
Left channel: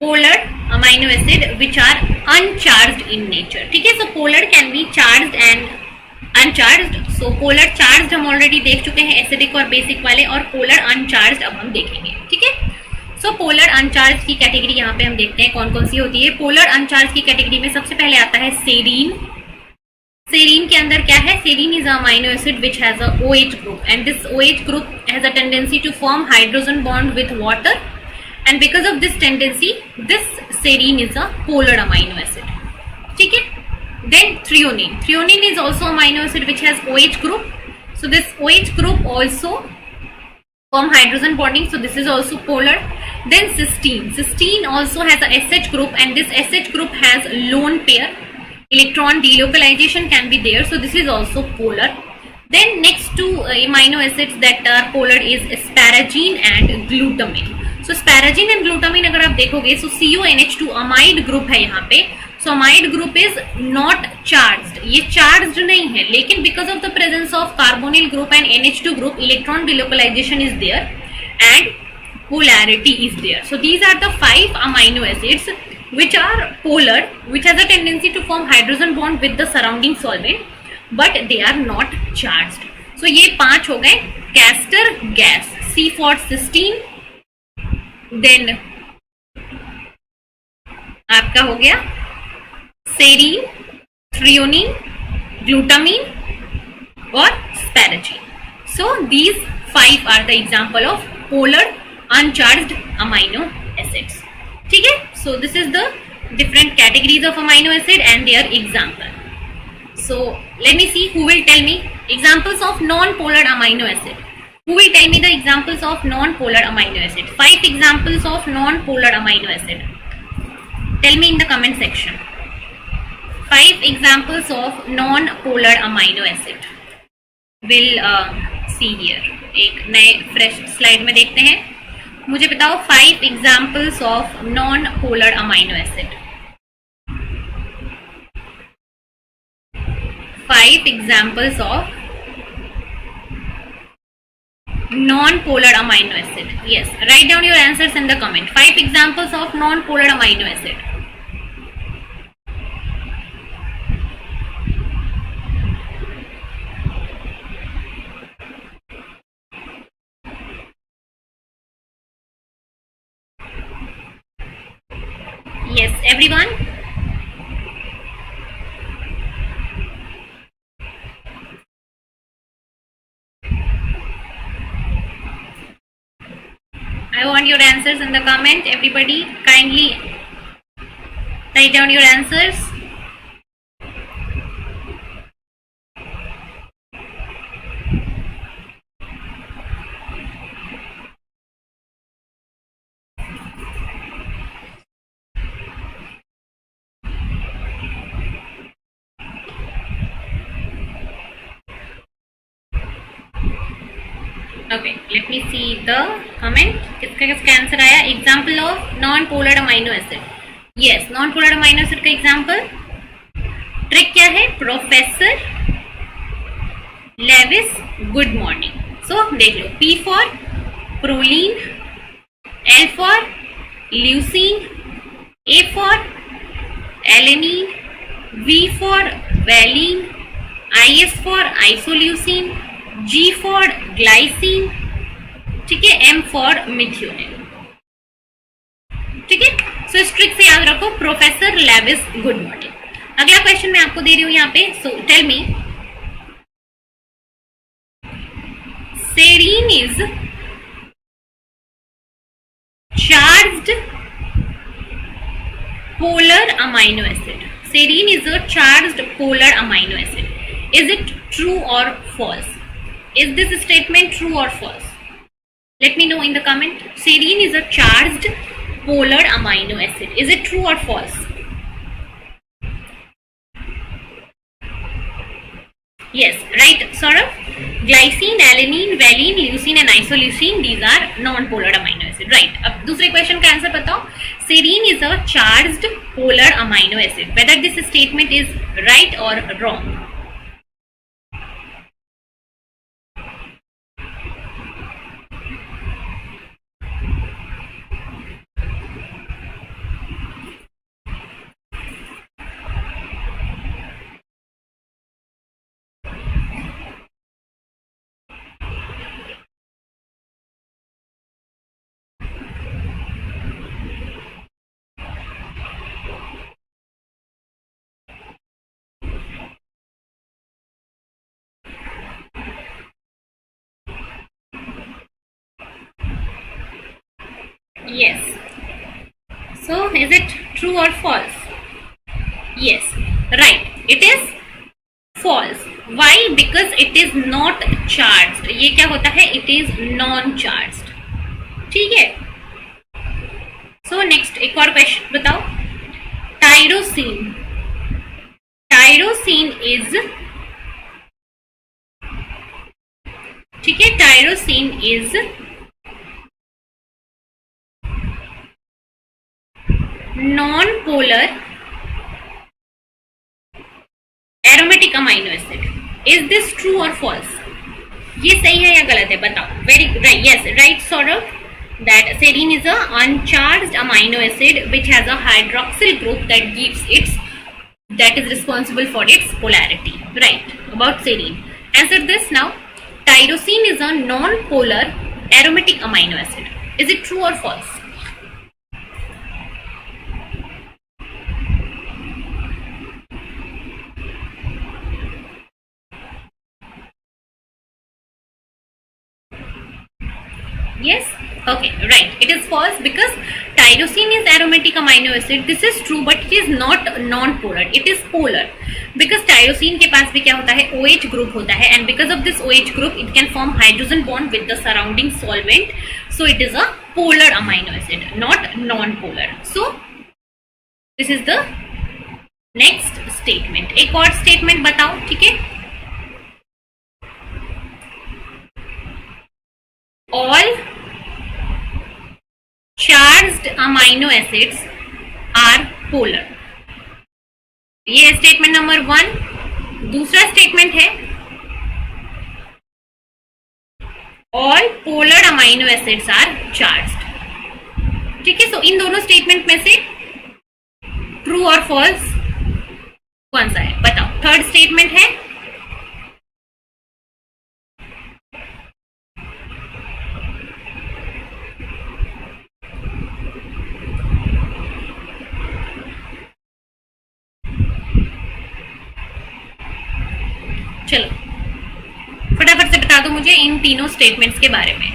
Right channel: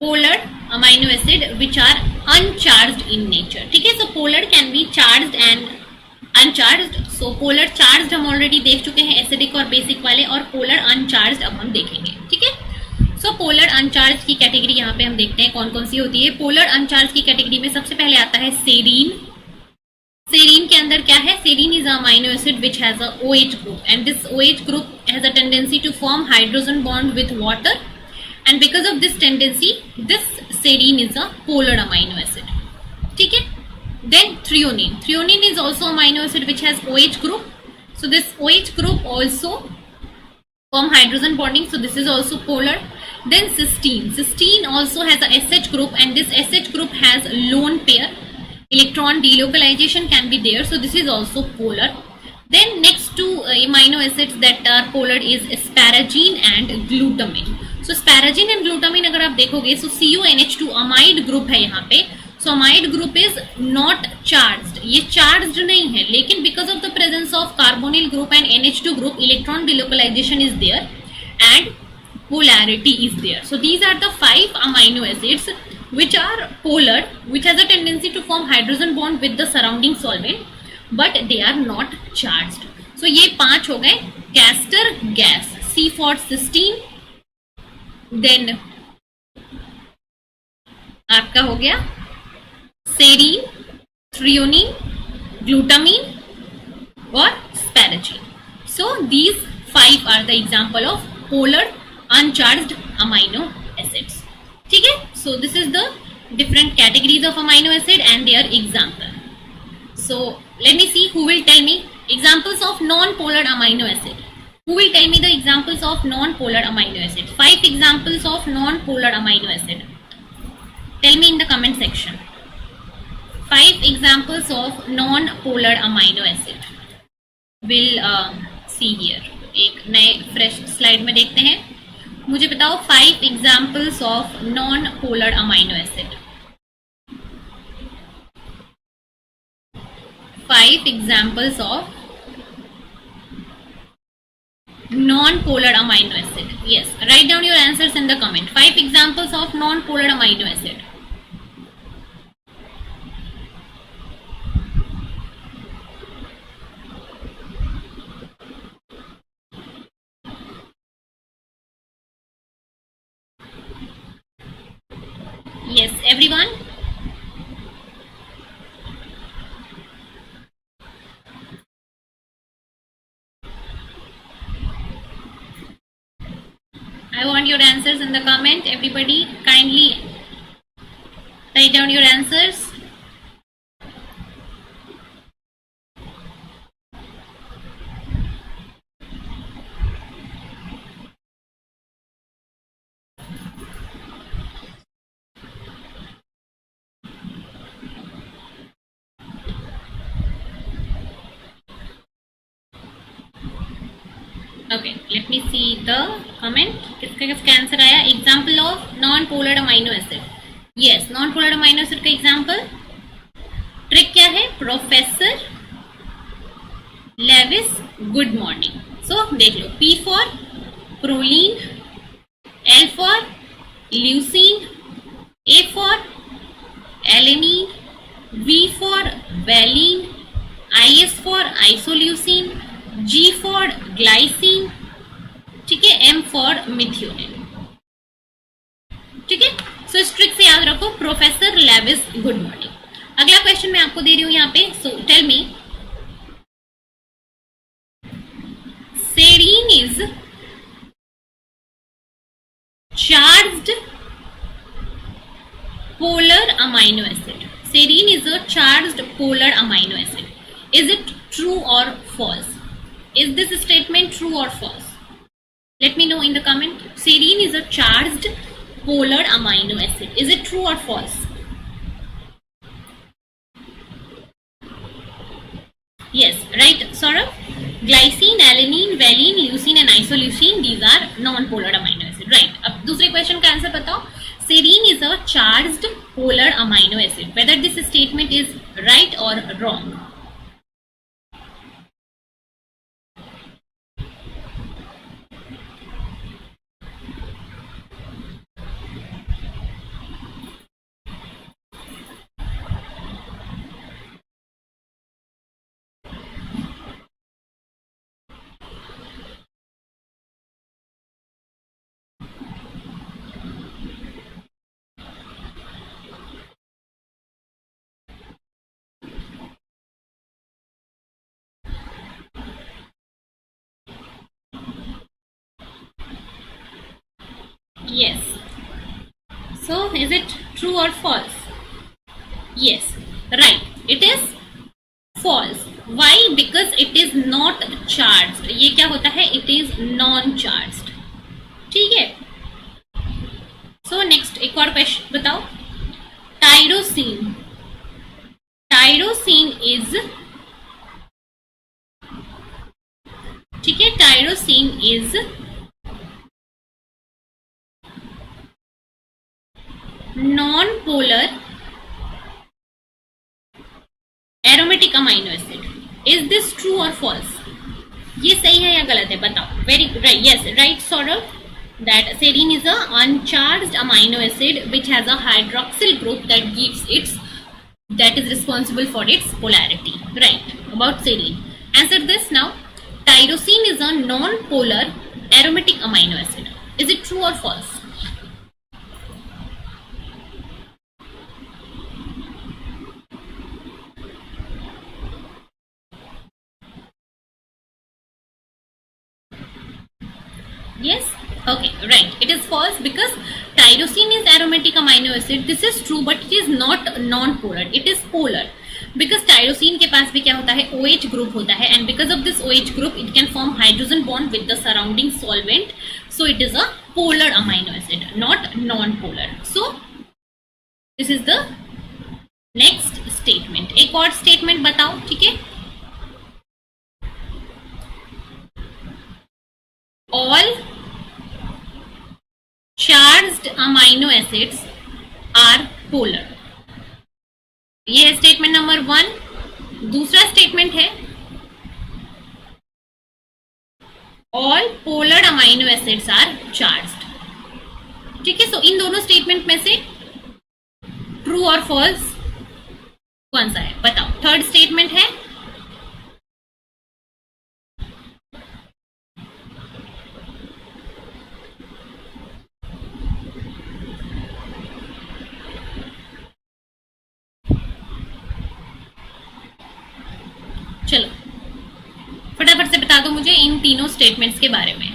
polar amino acid which are uncharged in nature. ठीक है, so polar can be charged and uncharged. So polar charged हम already देख चुके हैं, acidic और basic वाले, और polar uncharged अब हम देखेंगे. ठीक है, सो पोलर अनचार्ज की कैटेगरी यहाँ पे हम देखते हैं कौन कौन सी होती है। पोलर अनचार्ज की कैटेगरी में सबसे पहले आता है सेरीन। सेरीन के अंदर क्या है? Serine is amino acid which has a OH group and this OH group has a tendency to form hydrogen bond with water and because of this tendency this serine is a polar amino acid. ठीक है। Then threonine. Threonine is also amino acid which has OH group, so this OH group also form hydrogen bonding, so this is also polar. Then cysteine. Cysteine also has a SH group and this SH group has lone pair. Electron delocalization can be there, so this is also polar. Then next two amino acids that are polar is asparagine and glutamine. So asparagine and glutamine अगर आप देखोगे so CONH2 amide group है यहाँ पे। So amide group is not charged, ये charged नहीं है, लेकिन because of the presence of carbonyl group and NH2 group, electron delocalization is there and polarity is there. So these are the 5 amino acids which are polar, which has a tendency to form hydrogen bond with the surrounding solvent, but they are not charged. So ये 5 हो गए। castor gas, C for cysteine, then आपका हो गया सेरीन, थ्रियोनिन, ग्लूटामीन और asparagine. So these 5 are the example of polar uncharged amino acids. ठीक है। So this is the different categories of amino acid and their example. So let me see who will tell me examples of non polar amino acid. Who will tell me the examples of non-polar amino acid? 5 examples of non-polar amino acid. Tell me in the comment section. 5 examples of non-polar amino acid. We'll see here. एक नए फ्रेश स्लाइड में देखते हैं। मुझे बताओ 5 examples of non-polar amino acid. 5 examples of non-polar amino acid. Yes, write down your answers in the comment. 5 examples of non-polar amino acid. Yes, everyone. I want your answers in the comment. Everybody, kindly write down your answers. Okay, let me see the comment. किसका आंसर आया? Example of non polar amino acid. Yes, non polar amino acid का एग्जाम्पल। ट्रिक क्या है? Professor Lewis good morning. So देख लो, P for proline, L for leucine, A for alanine, V for valine, IS for isoleucine, G for glycine, ठीक है, M फॉर मिथ्योनिन। ठीक है। सो इस ट्रिक से याद रखो, प्रोफेसर लेविस गुड मॉर्निंग। अगला क्वेश्चन मैं आपको दे रही हूं यहाँ पे। So tell me, serine is charged polar amino acid. Serine is a charged polar amino acid. Is it true or false? Is this statement true or false? Let me know in the comment. Serine is a charged polar amino acid. Is it true or false? Yes, right, Saurabh. Glycine, alanine, valine, leucine and isoleucine, these are non-polar amino acid. Right. अब दूसरे क्वेश्चन का आंसर बताओ। Serine is a charged polar amino acid. Whether this statement is right or wrong? Yes. So is it true or false? Yes. Right. It is false. Why? Because it is not charged. ये क्या होता है? It is non-charged. ठीक है. So next एक और क्वेश्चन बताओ. टायरोसिन. टायरोसिन इज, ठीक है, tyrosine is non polar aromatic amino acid. Is this true और फॉल्स? ये सही है या गलत है बताओ. Very right. Yes, right Saurabh, that serine is a uncharged amino acid which has a hydroxyl group that is responsible for its polarity. Right, about serine. Answer this now. Tyrosine is a non-polar aromatic amino acid. Is it true or false? Yes. Okay, right. It is false because tyrosine is aromatic amino acid. This is true, but it is not non-polar. It is polar because tyrosine के पास भी क्या होता है? OH group होता है, and because of this OH group, it can form hydrogen bond with the surrounding solvent. So it is a polar amino acid, not non-polar. So this is the next statement. एक और statement बताओ, ठीक है? All charged amino acids are polar. ये है स्टेटमेंट नंबर 1. दूसरा स्टेटमेंट है all polar amino acids are charged. ठीक है. सो इन दोनों स्टेटमेंट में से ट्रू और फॉल्स कौन सा है बताओ. थर्ड स्टेटमेंट है चलो फटाफट से बता दो मुझे इन तीनों स्टेटमेंट्स के बारे में.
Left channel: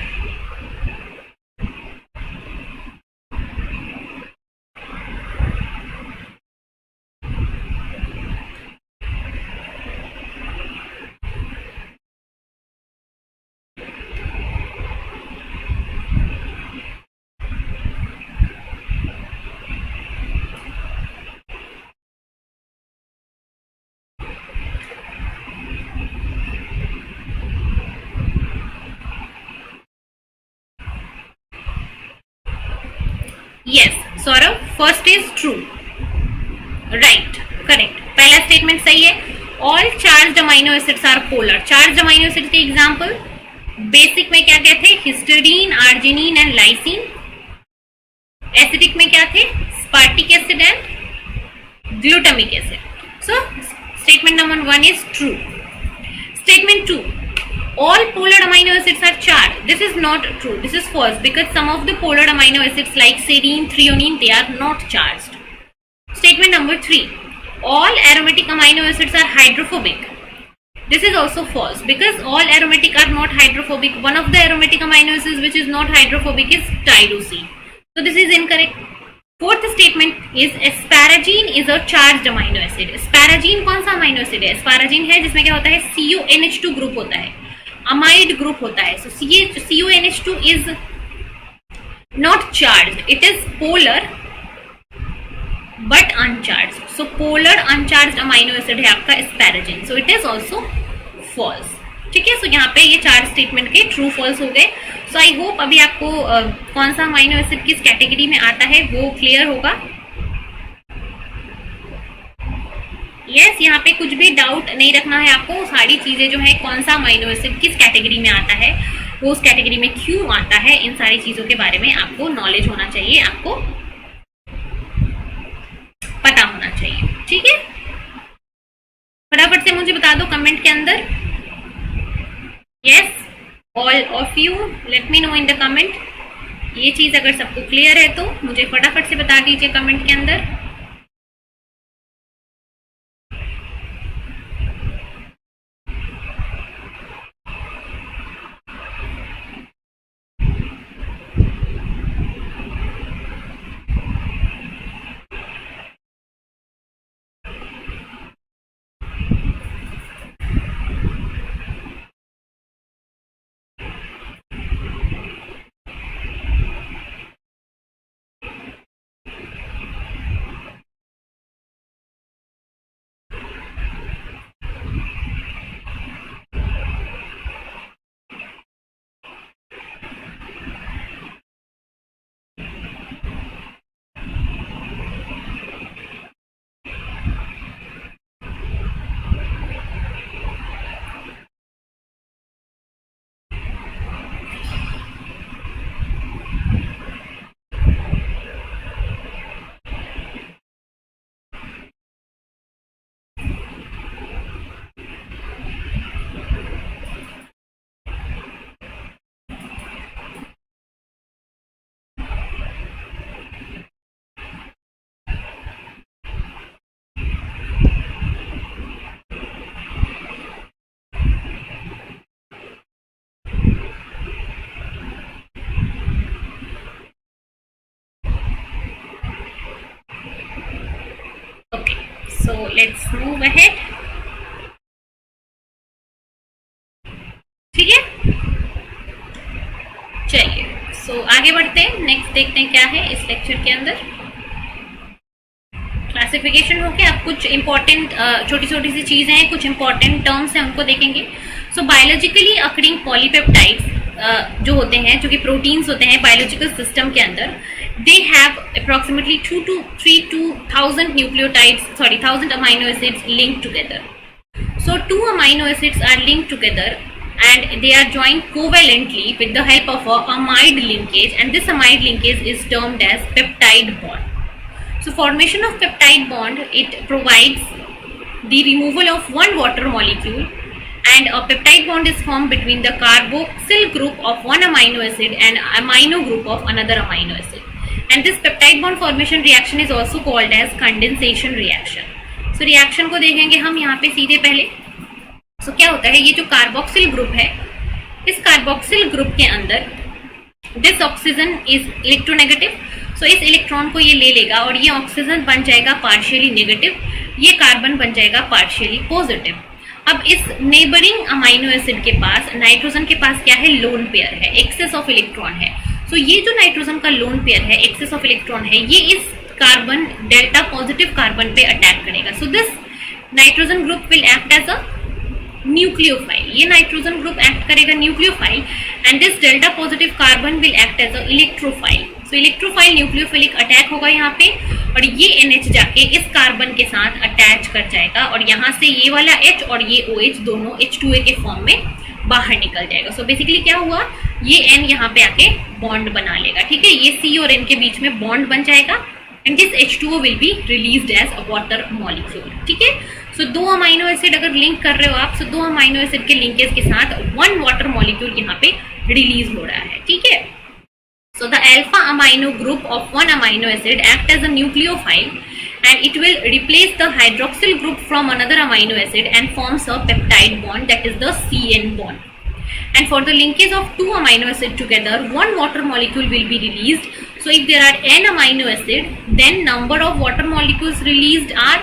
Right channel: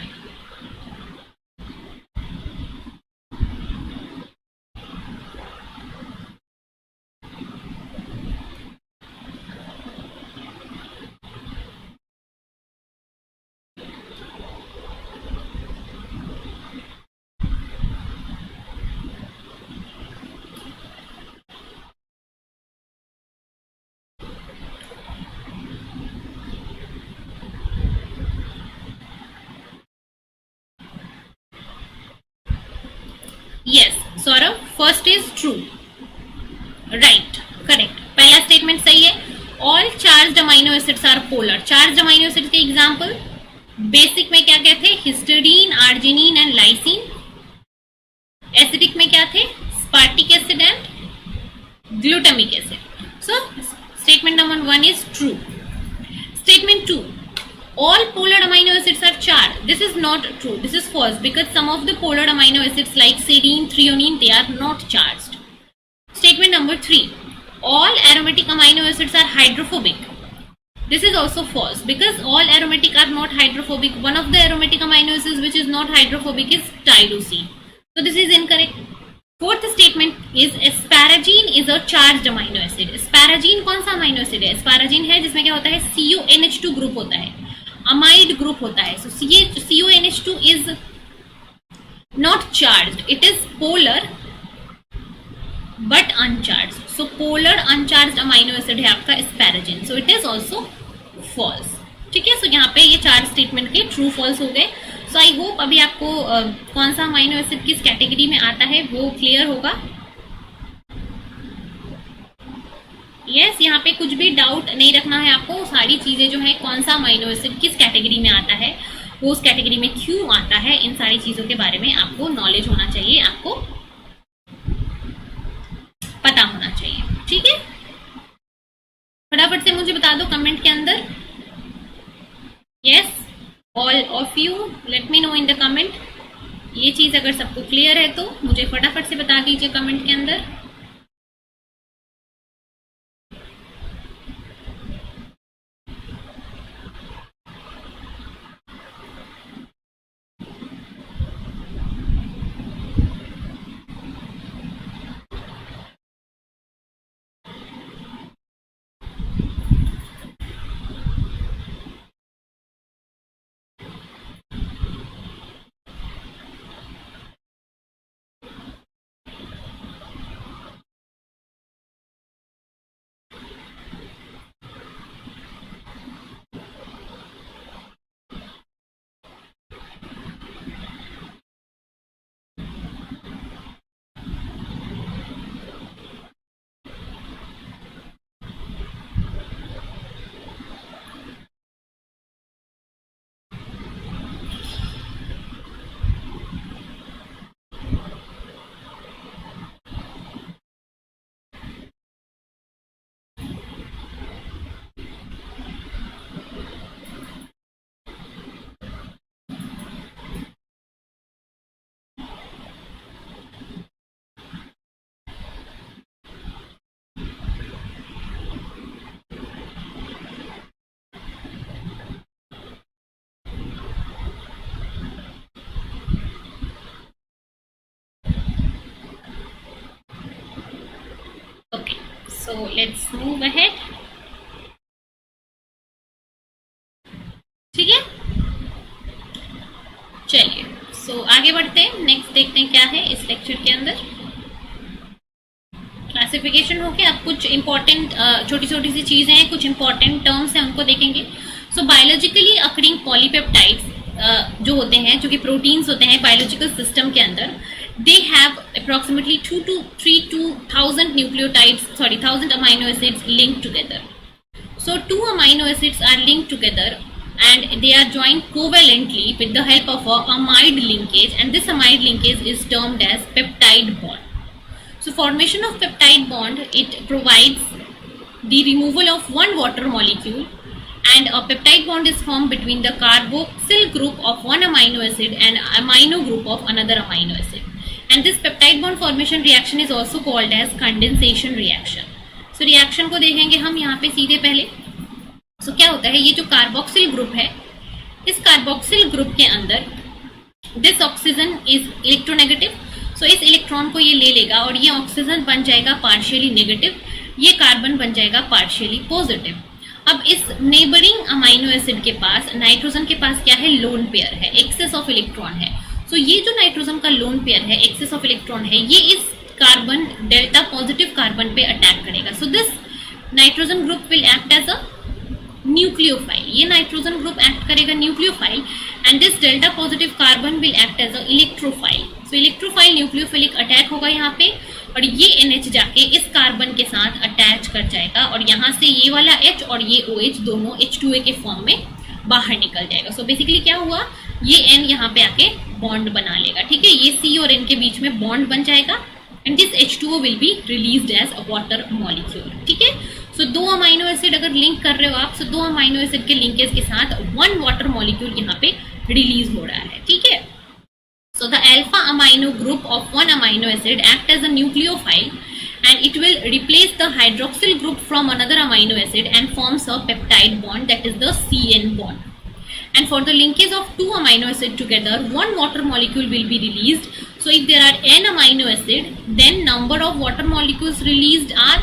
Yes Saurabh, first is true. Right, correct. पहला स्टेटमेंट सही है. All charged amino acids are polar. Charged amino acid के एग्जांपल बेसिक में क्या क्या थे? Histidine, arginine and lysine. Acidic में क्या थे? Aspartic acid and glutamic acid. So statement number 1 is true. Statement 2, all polar amino acids are charged. This is not true. This is false because some of the polar amino acids like serine, threonine, they are not charged. Statement number 3, all aromatic amino acids are hydrophobic. This is also false because all aromatic are not hydrophobic. One of the aromatic amino acids which is not hydrophobic is tyrosine. So this is incorrect. Fourth statement is asparagine is a charged amino acid. Asparagine कौन सा amino acid है? Asparagine है जिसमें क्या होता है? CONH2 ग्रुप होता है, amide ग्रुप होता है. So CONH2 is not charged. It is polar but uncharged. So polar uncharged amino acid है आपका asparagine. So it is also false. ठीक है. सो यहाँ पे ये 4 स्टेटमेंट के ट्रू फॉल्स हो गए. सो आई होप अभी आपको कौन सा अमाइनो एसिड किस कैटेगरी में आता है वो क्लियर होगा. यस, यहाँ पे कुछ भी डाउट नहीं रखना है आपको. सारी चीजें जो है कौन सा अमाइनो एसिड किस कैटेगरी में आता है, वो उस कैटेगरी में क्यों आता है, इन सारी चीजों के बारे में आपको नॉलेज होना चाहिए, आपको पता होना चाहिए. ठीक है. फटाफट से मुझे बता दो कमेंट के अंदर. Yes, all of you let me know in the comment. ये चीज अगर सबको क्लियर है तो मुझे फटाफट से बता दीजिए कमेंट के अंदर. So let's move ahead. ठीक है, चलिए सो आगे बढ़ते हैं। नेक्स्ट देखते हैं क्या है इस लेक्चर के अंदर। क्लासिफिकेशन हो गया। अब कुछ इंपॉर्टेंट छोटी छोटी सी चीजें हैं, कुछ इंपॉर्टेंट टर्म्स हैं, उनको देखेंगे। सो बायोलॉजिकली अकरिंग पॉलीपेप्टाइड्स जो होते हैं, जो कि प्रोटीन्स होते हैं बायोलॉजिकल सिस्टम के अंदर, they have approximately 2 to 3 to 1000 nucleotides, 1000 amino acids linked together. So 2 amino acids are linked together and they are joined covalently with the help of a amide linkage, and this amide linkage is termed as peptide bond. So formation of peptide bond, it provides the removal of one water molecule, and a peptide bond is formed between the carboxyl group of one amino acid and amino group of another amino acid, and this peptide bond formation reaction is also called as condensation reaction. So reaction को देखेंगे हम यहाँ पे सीधे पहले। तो क्या होता है, ये जो कार्बोक्सिल ग्रुप है, इस कार्बोक्सिल ग्रुप के अंदर दिस ऑक्सीजन इज इलेक्ट्रोनेगेटिव। सो इस इलेक्ट्रॉन को ये ले लेगा और ये ऑक्सीजन बन जाएगा पार्शियली नेगेटिव, ये कार्बन बन जाएगा पार्शियली पॉजिटिव। अब इस नेबरिंग अमाइनो एसिड के पास, नाइट्रोजन के पास क्या है, लोन पेयर है, एक्सेस ऑफ इलेक्ट्रॉन है। सो ये जो नाइट्रोजन का लोन पेयर है, एक्सेस ऑफ इलेक्ट्रॉन है, ये इस कार्बन डेल्टा पॉजिटिव कार्बन पे अटैक करेगा। So this nitrogen group will act as a nucleophile. ये नाइट्रोजन ग्रुप एक्ट करेगा nucleophile, and this delta positive carbon will act as a electrophile. So electrophile nucleophilic attack होगा यहाँ पे, और ये NH जाके इस कार्बन के साथ अटैच कर जाएगा, और यहाँ से ये वाला H और ये OH दोनों H2A के फॉर्म में बाहर निकल जाएगा। सो बेसिकली क्या हुआ, ये N यहाँ पे आके बॉन्ड बना लेगा। ठीक है, ये C और N के बीच में बॉन्ड बन जाएगा, and this H2O will be released as a water molecule. ठीक है, सो 2 अमाइनो एसिड अगर लिंक कर रहे हो आप, सो 2 अमाइनो एसिड के लिंकेज के साथ 1 वाटर मॉलिक्यूल यहाँ पे रिलीज हो रहा है। ठीक है, so the alpha amino group of 1 amino acid act as a nucleophile, and it will replace the hydroxyl group from another amino acid and forms a peptide bond, that is the CN bond. And for the linkage of 2 amino acid together, 1 water molecule will be released. So if there are n amino acid, then number of water molecules released are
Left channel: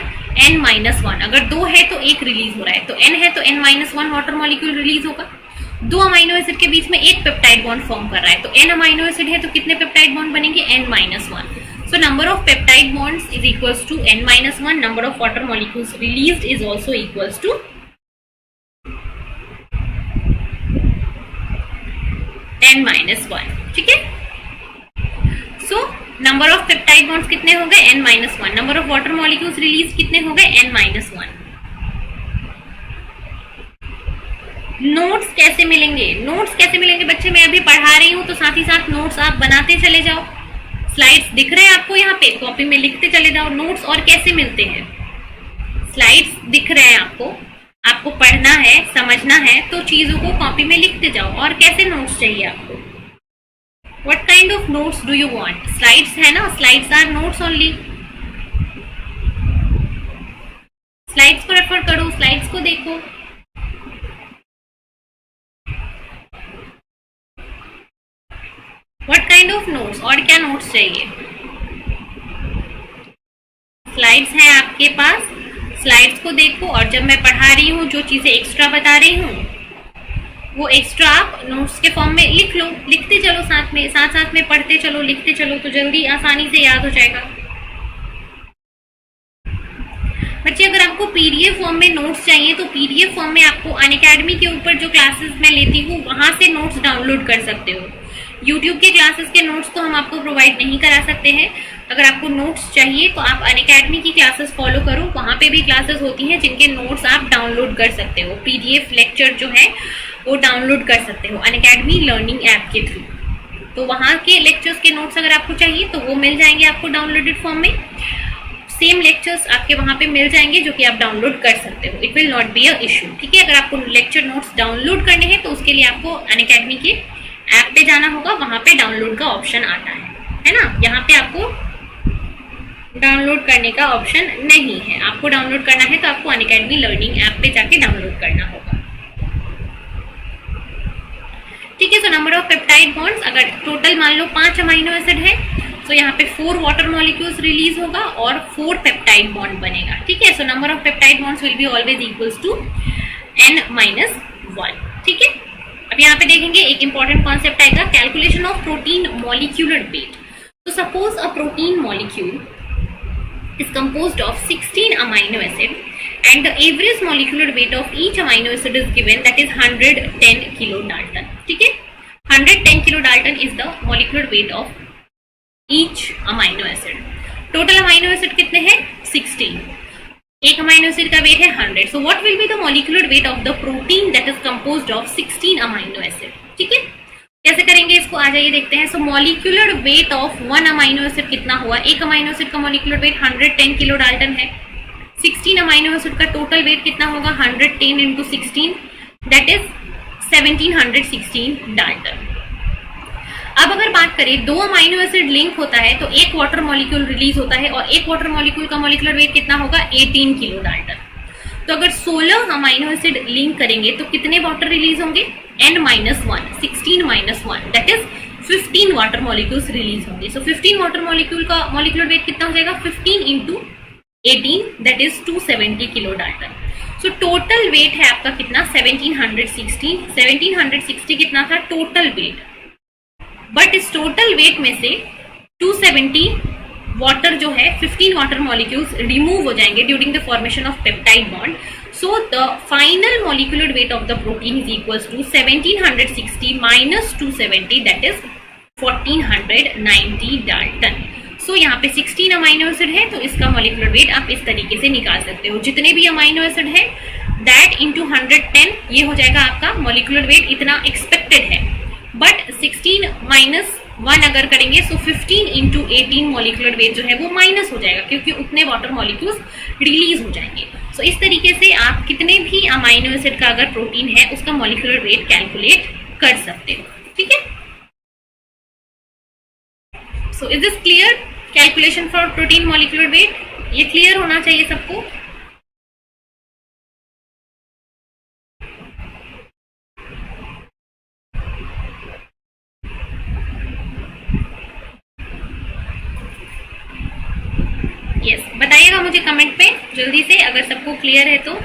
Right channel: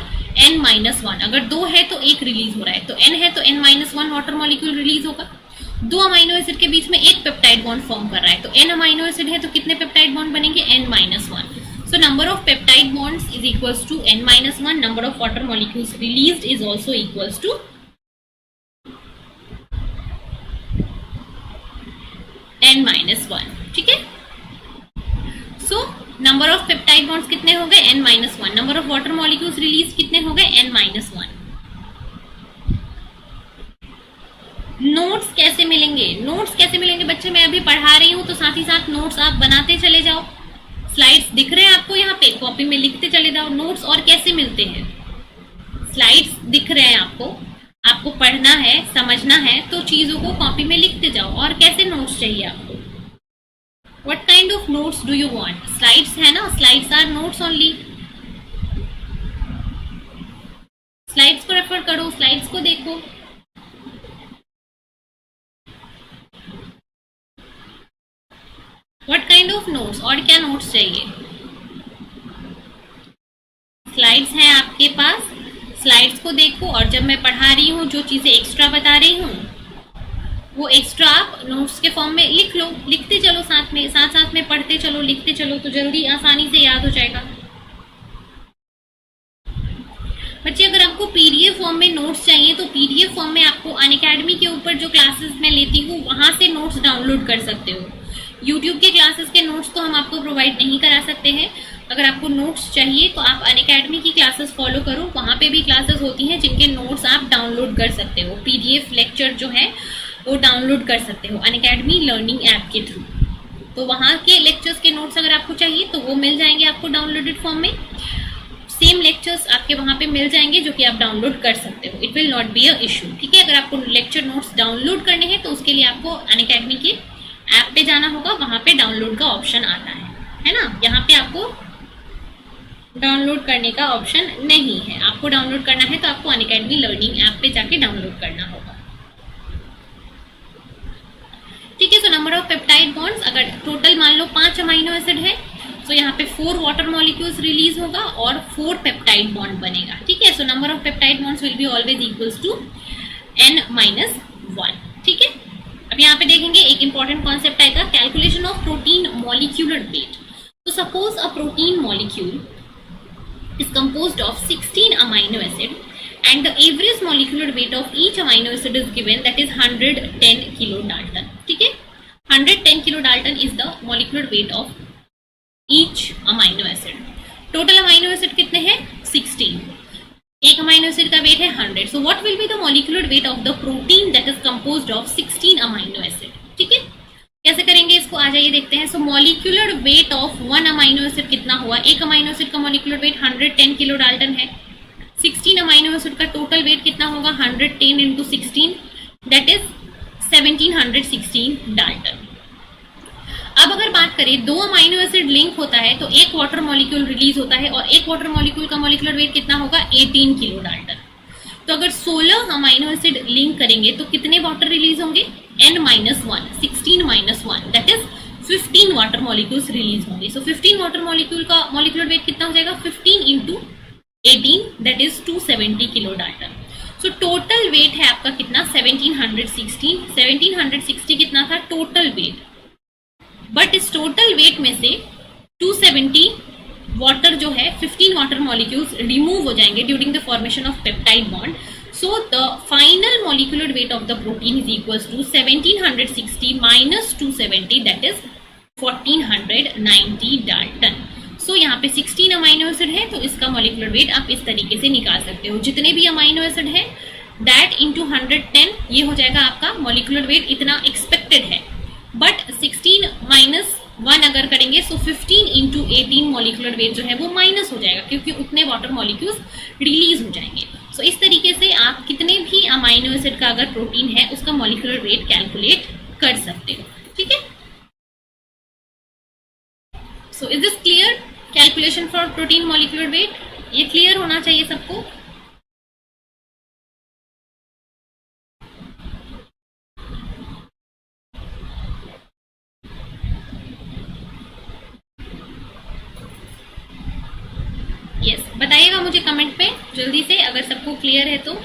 n-1. अगर 2 है तो 1 रिलीज हो रहा है, तो n है तो n-1 वाटर मॉलिक्यूल रिलीज होगा। 2 अमाइनो एसिड के बीच में एक पेप्टाइड बॉन्ड फॉर्म कर रहा है, तो n अमाइनो एसिड है तो कितने पेप्टाइड बॉन्ड बनेंगे, n-1. So number of peptide bonds is equals to n-1. Number of water molecules released is also equals to n-1. ठीक है, so number of peptide bonds कितने हो गए, n-1. Number of water molecules released कितने हो गए, n-1. नोट्स कैसे मिलेंगे, नोट्स कैसे मिलेंगे बच्चे, मैं अभी पढ़ा रही हूँ तो साथ ही साथ नोट्स आप बनाते चले जाओ। स्लाइड्स दिख रहे हैं आपको यहाँ पे, कॉपी में लिखते चले जाओ। नोट्स और कैसे मिलते हैं, स्लाइड्स दिख रहे हैं आपको, आपको पढ़ना है, समझना है, तो चीजों को कॉपी में लिखते जाओ। और कैसे नोट्स चाहिए आपको, what kind of notes do you want, slides है ना, slides are notes only. Slides को रेफर करो, स्लाइड्स को देखो। What kind of notes, और क्या नोट्स चाहिए, स्लाइड्स हैं आपके पास, स्लाइड्स को देखो, और जब मैं पढ़ा रही हूँ जो चीजें एक्स्ट्रा बता रही हूँ वो एक्स्ट्रा आप नोट्स के फॉर्म में लिख लो, लिखते चलो साथ में, साथ साथ में पढ़ते चलो, लिखते चलो, तो जल्दी आसानी से याद हो जाएगा। बच्चे अगर आपको पीडीएफ फॉर्म में नोट्स चाहिए तो पीडीएफ फॉर्म में आपको अनअकैडमी के ऊपर जो क्लासेस मैं लेती हूँ वहां से नोट्स डाउनलोड कर सकते हो। यूट्यूब के क्लासेस के नोट्स तो हम आपको प्रोवाइड नहीं करा सकते हैं। अगर आपको नोट्स चाहिए तो आप अनअकैडमी की क्लासेस फॉलो करो, वहाँ पे भी क्लासेस होती हैं जिनके नोट्स आप डाउनलोड कर सकते हो। पीडीएफ लेक्चर जो है वो डाउनलोड कर सकते हो अनअकैडमी लर्निंग ऐप के थ्रू। तो वहाँ के लेक्चर्स के नोट्स अगर आपको चाहिए तो वो मिल जाएंगे आपको डाउनलोडेड फॉर्म में। सेम लेक्चर्स आपके वहाँ पे मिल जाएंगे जो कि आप डाउनलोड कर सकते हो। It will not be a issue. ठीक है, अगर आपको लेक्चर नोट्स डाउनलोड करने हैं तो उसके लिए आपको अनअकैडमी के ऐप पे जाना होगा, वहाँ पे डाउनलोड का ऑप्शन आता है ना। यहाँ पे आपको डाउनलोड करने का ऑप्शन नहीं है। आपको डाउनलोड करना है तो आपको अनअकैडमी लर्निंग ऐप पे जाके डाउनलोड करना होगा। ठीक है, so number of peptide bonds, अगर टोटल मान लो 5 अमाइनो एसिड है सो यहाँ पे 4 वाटर मॉलिक्यूल्स रिलीज होगा और 4 पेप्टाइड बॉन्ड बनेगा, ठीक है। So number of peptide bonds will be always equals to n-1, ठीक है। अब यहाँ पे देखेंगे एक इंपॉर्टेंट कॉन्सेप्ट आएगा, calculation of protein molecular weight. तो suppose a protein molecule is composed of 16 amino acid and the average molecular weight of each amino acid is given, that is 110 kilodalton, ठीक है। 110 kilodalton is the molecular weight of each amino acid. Total amino acid कितने हैं? 16. एक अमाइनो एसिड का वेट है 100. So what will be the molecular weight of the protein that is composed of 16 amino acid, ठीक है। कैसे करेंगे इसको, आ जाइए देखते हैं। So molecular weight of 1 amino acid कितना हुआ? एक अमाइनो एसिड का मॉलिक्यूलर वेट 110 किलो डाल्टन है। 16 अमाइनो एसिड का टोटल वेट कितना होगा? 110 इंटू 16, दैट इज 1716 डाल्टन। अब अगर बात करें, 2 अमाइनो एसिड लिंक होता है तो एक वाटर मॉलिक्यूल रिलीज होता है और एक वाटर मॉलिक्यूल का मॉलिक्यूलर वेट कितना होगा? 18 किलो डाल्टन। तो अगर 16 अमाइनो एसिड लिंक करेंगे तो कितने वाटर रिलीज होंगे? n-1, 16 - 1, that is 15 water molecules release होंगे। सो 15 वाटर मॉलिक्यूल का मॉलिक्यूलर वेट कितना हो जाएगा? 15 into 18, that is 270 kilo Dalton. So total weight है आपका कितना? 1760। 1760 कितना था टोटल वेट, बट इस टोटल वेट में से 270 वाटर जो है, 15 वाटर मॉलिक्यूल्स रिमूव हो जाएंगे during the formation of peptide bond. So the final molecular weight of the protein is equals to 1760 minus 270, that is 1490 Dalton. So यहाँ पे 16 अमाइनो एसिड है तो इसका मॉलिक्यूलर वेट आप इस तरीके से निकाल सकते हो। जितने भी अमाइनो एसिड है दैट इंटू 110, ये हो जाएगा आपका मॉलिक्यूलर वेट, इतना एक्सपेक्टेड है। बट 16 माइनस 1 अगर करेंगे तो 15 इंटू 18 मॉलिक्यूलर वेट जो है वो माइनस हो जाएगा, क्योंकि उतने वाटर मॉलिक्यूल्स रिलीज हो जाएंगे। सो इस तरीके से आप कितने भी अमाइनो एसिड का अगर प्रोटीन है उसका मॉलिक्यूलर वेट कैलकुलेट कर सकते हो, ठीक है। सो is this clear? Calculation for protein molecular wait, ये क्लियर होना चाहिए सबको। यस, बताइएगा मुझे कमेंट पे जल्दी से अगर सबको क्लियर है तो।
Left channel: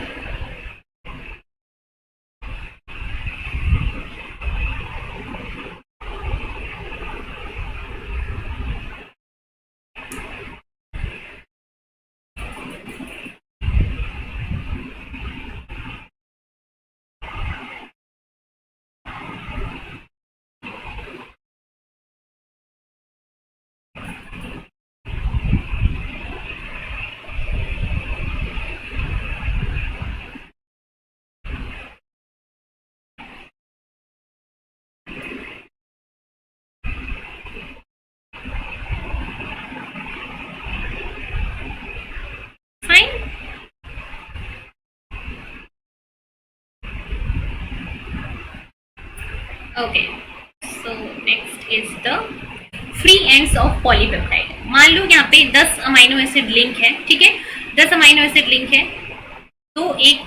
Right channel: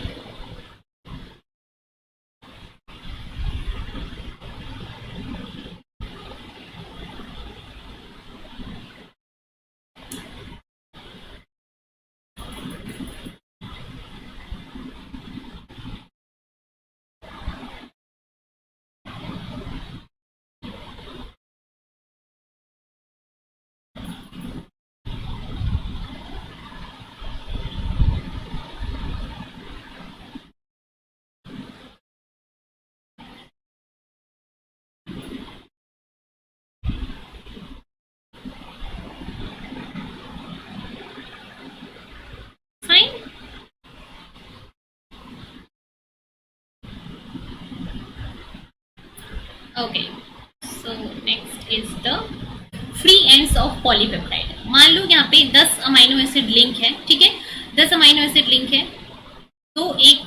Okay, so next is the free ends of polypeptide. मान लो यहाँ पे 10 अमाइनो एसिड लिंक है, ठीक है, 10 अमाइनो एसिड लिंक है। तो एक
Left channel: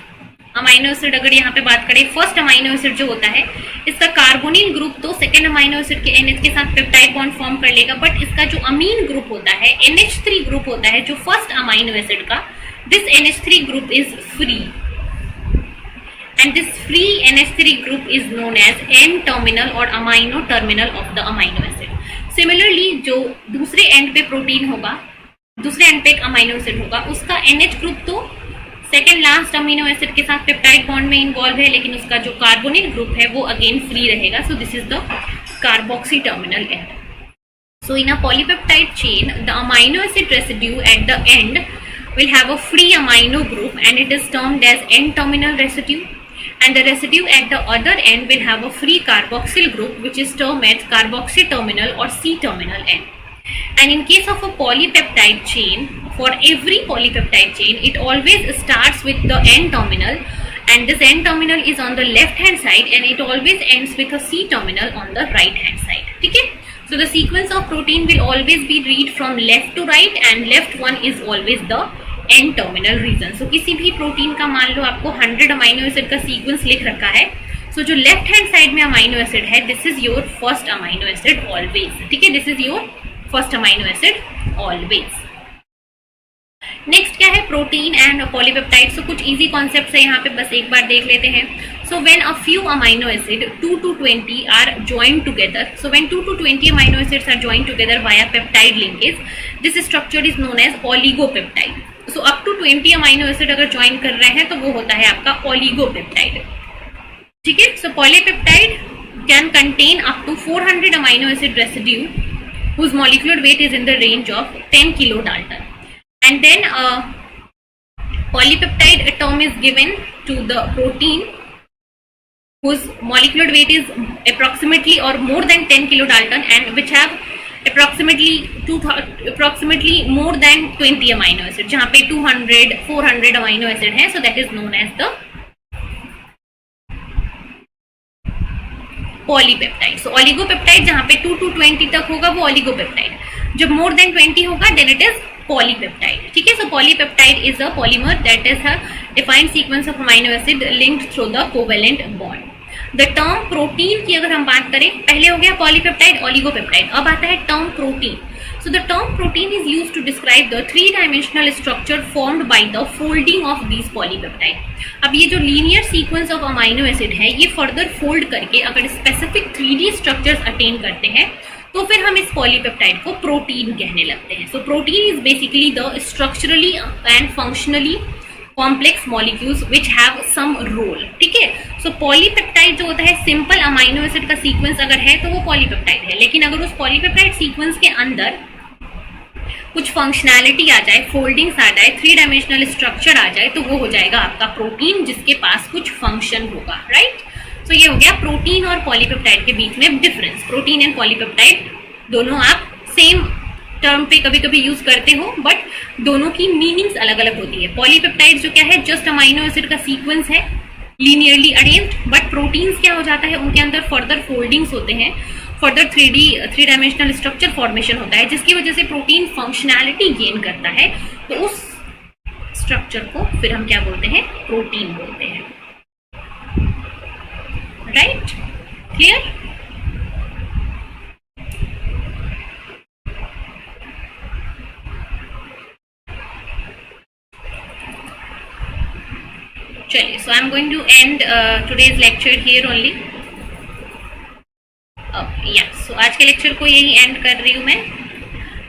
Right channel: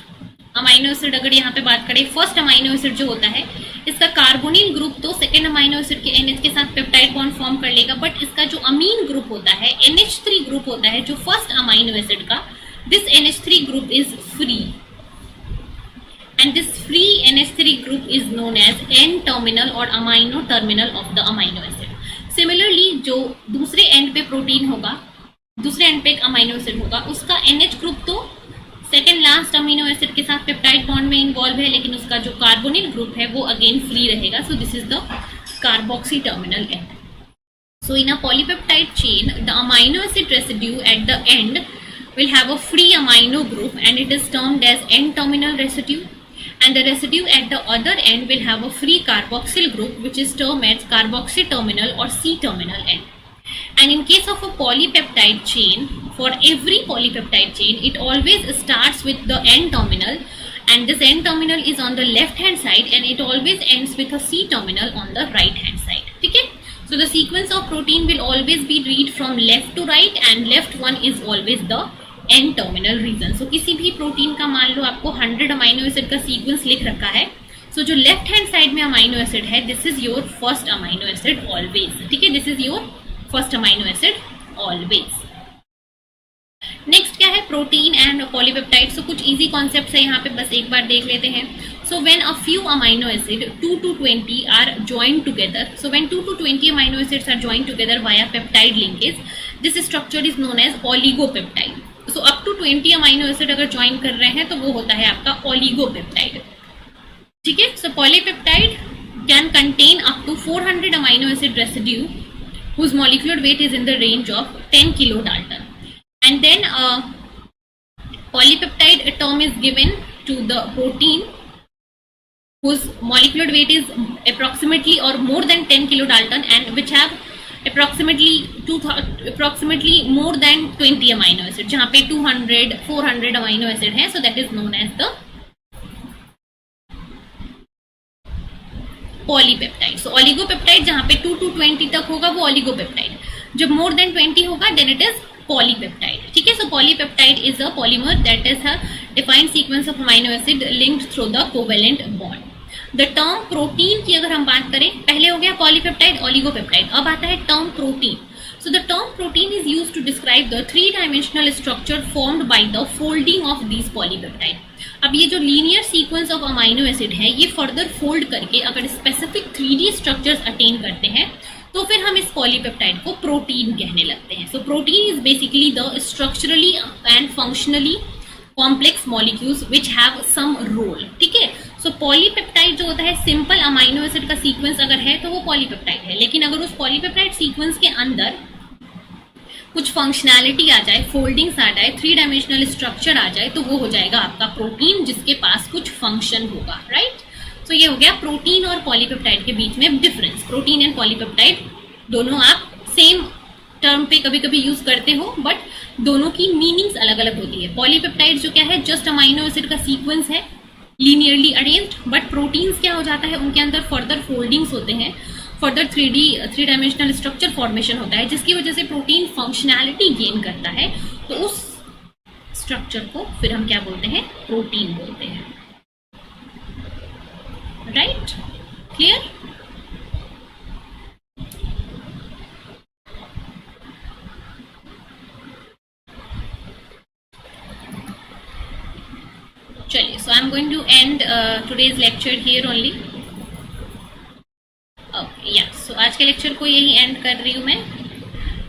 अमाइनो एसिड अगर यहाँ पे बात करें, फर्स्ट अमाइनो एसिड जो होता है इसका कार्बोनिल ग्रुप तो सेकेंड अमाइनो एसिड के NH के साथ पेप्टाइड बॉन्ड फॉर्म कर लेगा, बट इसका जो अमीन ग्रुप होता है, NH3 ग्रुप होता है जो फर्स्ट अमाइनो एसिड का, this NH3 group is free and this free NH3 group is known as N-terminal or amino terminal of the amino acid. Similarly, जो दूसरे एंड पे प्रोटीन होगा, दूसरे एंड पे एक अमाइनो एसिड होगा, उसका NH ग्रुप तो सेकेंड लास्ट अमीनो एसिड के साथ पेप्टाइड बॉन्ड में इन्वॉल्व है, लेकिन उसका जो कार्बोनिल ग्रुप है वो अगेन फ्री रहेगा। सो this is the carboxy terminal and. So in a polypeptide chain, the amino acid residue at the end will have a free amino group and it is termed as N-terminal residue. And the residue at the other end will have a free carboxyl group which is termed as carboxy terminal or C-terminal end. And in case of a polypeptide chain, for every polypeptide chain, it always starts with the N-terminal and this N-terminal is on the left hand side and it always ends with a C-terminal on the right hand side. Okay? So the sequence of protein will always be read from left to right and left one is always the N terminal region. So किसी भी प्रोटीन का मान लो आपको 100 अमाइनो एसिड का सीक्वेंस लिख रखा है, सो जो लेफ्ट हैंड साइड में अमाइनो एसिड है this is your first amino acid always, ठीक है, this is your first amino acid always. Next क्या है, प्रोटीन एंड पॉलीपेप्टाइड। सो कुछ इजी कॉन्सेप्ट्स है यहाँ पे, बस एक बार देख लेते हैं। So when a few amino acid 2 to 20 are joined together, so when 2 to 20 amino acids are joined together via peptide linkage, this structure is known as oligopeptide. So up to 20 amino acid अगर ज्वाइन कर रहे हैं तो वो होता है आपका oligopeptide, ठीक है। So polypeptide can contain up to 400 amino acid residue whose molecular weight is in the range of 10 kilodalton. And then polypeptide term is given to the protein whose molecular weight is approximately or more than 10 kilodalton and which have approximately more than 20 amino acid, जहाँ पे 200 400 amino acid है, so that is known as the polypeptide. So oligopeptide जहाँ पे 2 to 20 तक होगा वो oligopeptide, जब more than 20 होगा then it is polypeptide, ठीक है। So polypeptide is a polymer that is a defined sequence of amino acid linked through the covalent bond. The term protein की अगर हम बात करें, पहले हो गया polypeptide, oligopeptide, अब आता है term protein. So the term protein is used to describe the three-dimensional structure formed by the folding of these polypeptide. अब ये जो linear sequence of amino acid है, ये further fold करके अगर specific 3D structures attain करते हैं तो फिर हम इस पॉलीपेप्टाइड को प्रोटीन कहने लगते हैं। So protein is basically the structurally and functionally complex molecules which have some role, ठीक है। सो पॉलीपेप्टाइड जो होता है, सिंपल अमाइनो एसिड का सीक्वेंस अगर है तो वो पॉलीपेप्टाइड है, लेकिन अगर उस पॉलीपेप्टाइड सीक्वेंस के अंदर कुछ फंक्शनैलिटी आ जाए, फोल्डिंग्स आ जाए, 3 डायमेंशनल स्ट्रक्चर आ जाए, तो वो हो जाएगा आपका प्रोटीन जिसके पास कुछ फंक्शन होगा, राइट। तो ये हो गया प्रोटीन और पॉलीपेप्टाइड के बीच में डिफरेंस। प्रोटीन एंड पॉलीपेप्टाइड दोनों आप सेम टर्म पे कभी कभी यूज करते हो, बट दोनों की मीनिंग्स अलग अलग होती है। पॉलीपेप्टाइड जो क्या है, जस्ट अमाइनो एसिड का सीक्वेंस है, लीनियरली अरेंज्ड, बट प्रोटीन्स क्या हो जाता है, उनके अंदर फर्दर फोल्डिंग्स होते हैं, फर्दर 3 डायमेंशनल स्ट्रक्चर फॉर्मेशन होता है, जिसकी वजह से प्रोटीन फंक्शनैलिटी गेन करता है, तो उस स्ट्रक्चर को फिर हम क्या बोलते हैं, प्रोटीन बोलते हैं, राइट, क्लियर। चलिए, so I am going to end today's lecture here only. सो आज के लेक्चर को यही एंड कर रही हूँ मैं।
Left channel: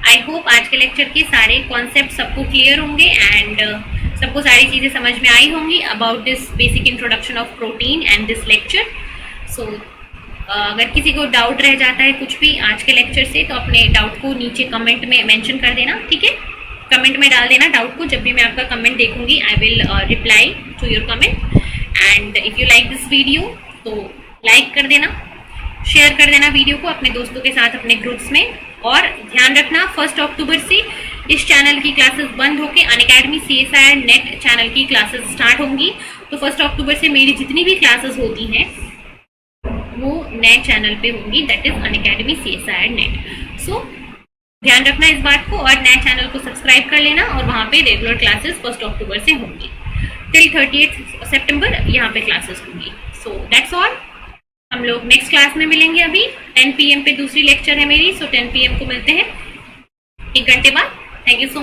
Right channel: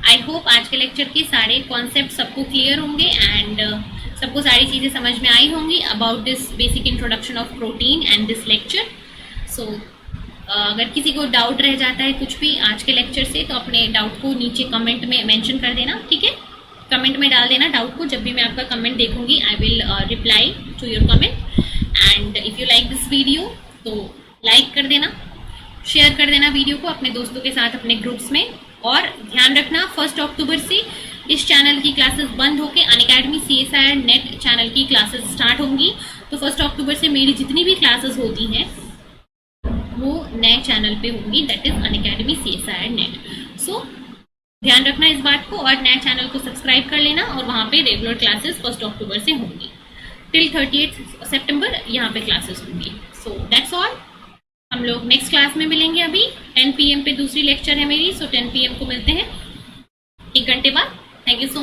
आई होप आज के लेक्चर के सारे कॉन्सेप्ट सबको क्लियर होंगे एंड सबको सारी चीज़ें समझ में आई होंगी about this basic introduction of protein and this lecture. So अगर किसी को डाउट रह जाता है कुछ भी आज के लेक्चर से, तो अपने डाउट को नीचे कमेंट में मेंशन कर देना, ठीक है। कमेंट में डाल देना डाउट को, जब भी मैं आपका कमेंट देखूंगी I will reply to your comment. And if you like this video तो लाइक कर देना, शेयर कर देना वीडियो को अपने दोस्तों के साथ, अपने ग्रुप्स में। और ध्यान रखना 1 अक्टूबर से इस चैनल की क्लासेस बंद होकर अनअकैडमी CSIR नेट चैनल की क्लासेस स्टार्ट होंगी। तो 1 अक्टूबर से मेरी जितनी भी क्लासेस होती हैं वो नए चैनल पे होंगी, that is Unacademy CSIR NET. So ध्यान रखना इस बात को, और नए चैनल को सब्सक्राइब कर लेना, और वहाँ पे रेगुलर क्लासेस 1 अक्टूबर से होंगी टिल 30 सितंबर यहाँ पे क्लासेस होंगी। So that's all. हम लोग नेक्स्ट क्लास में मिलेंगे। अभी 10 PM पे दूसरी लेक्चर है मेरी, सो 10 PM को मिलते हैं, 1 घंटे बाद। Thank you so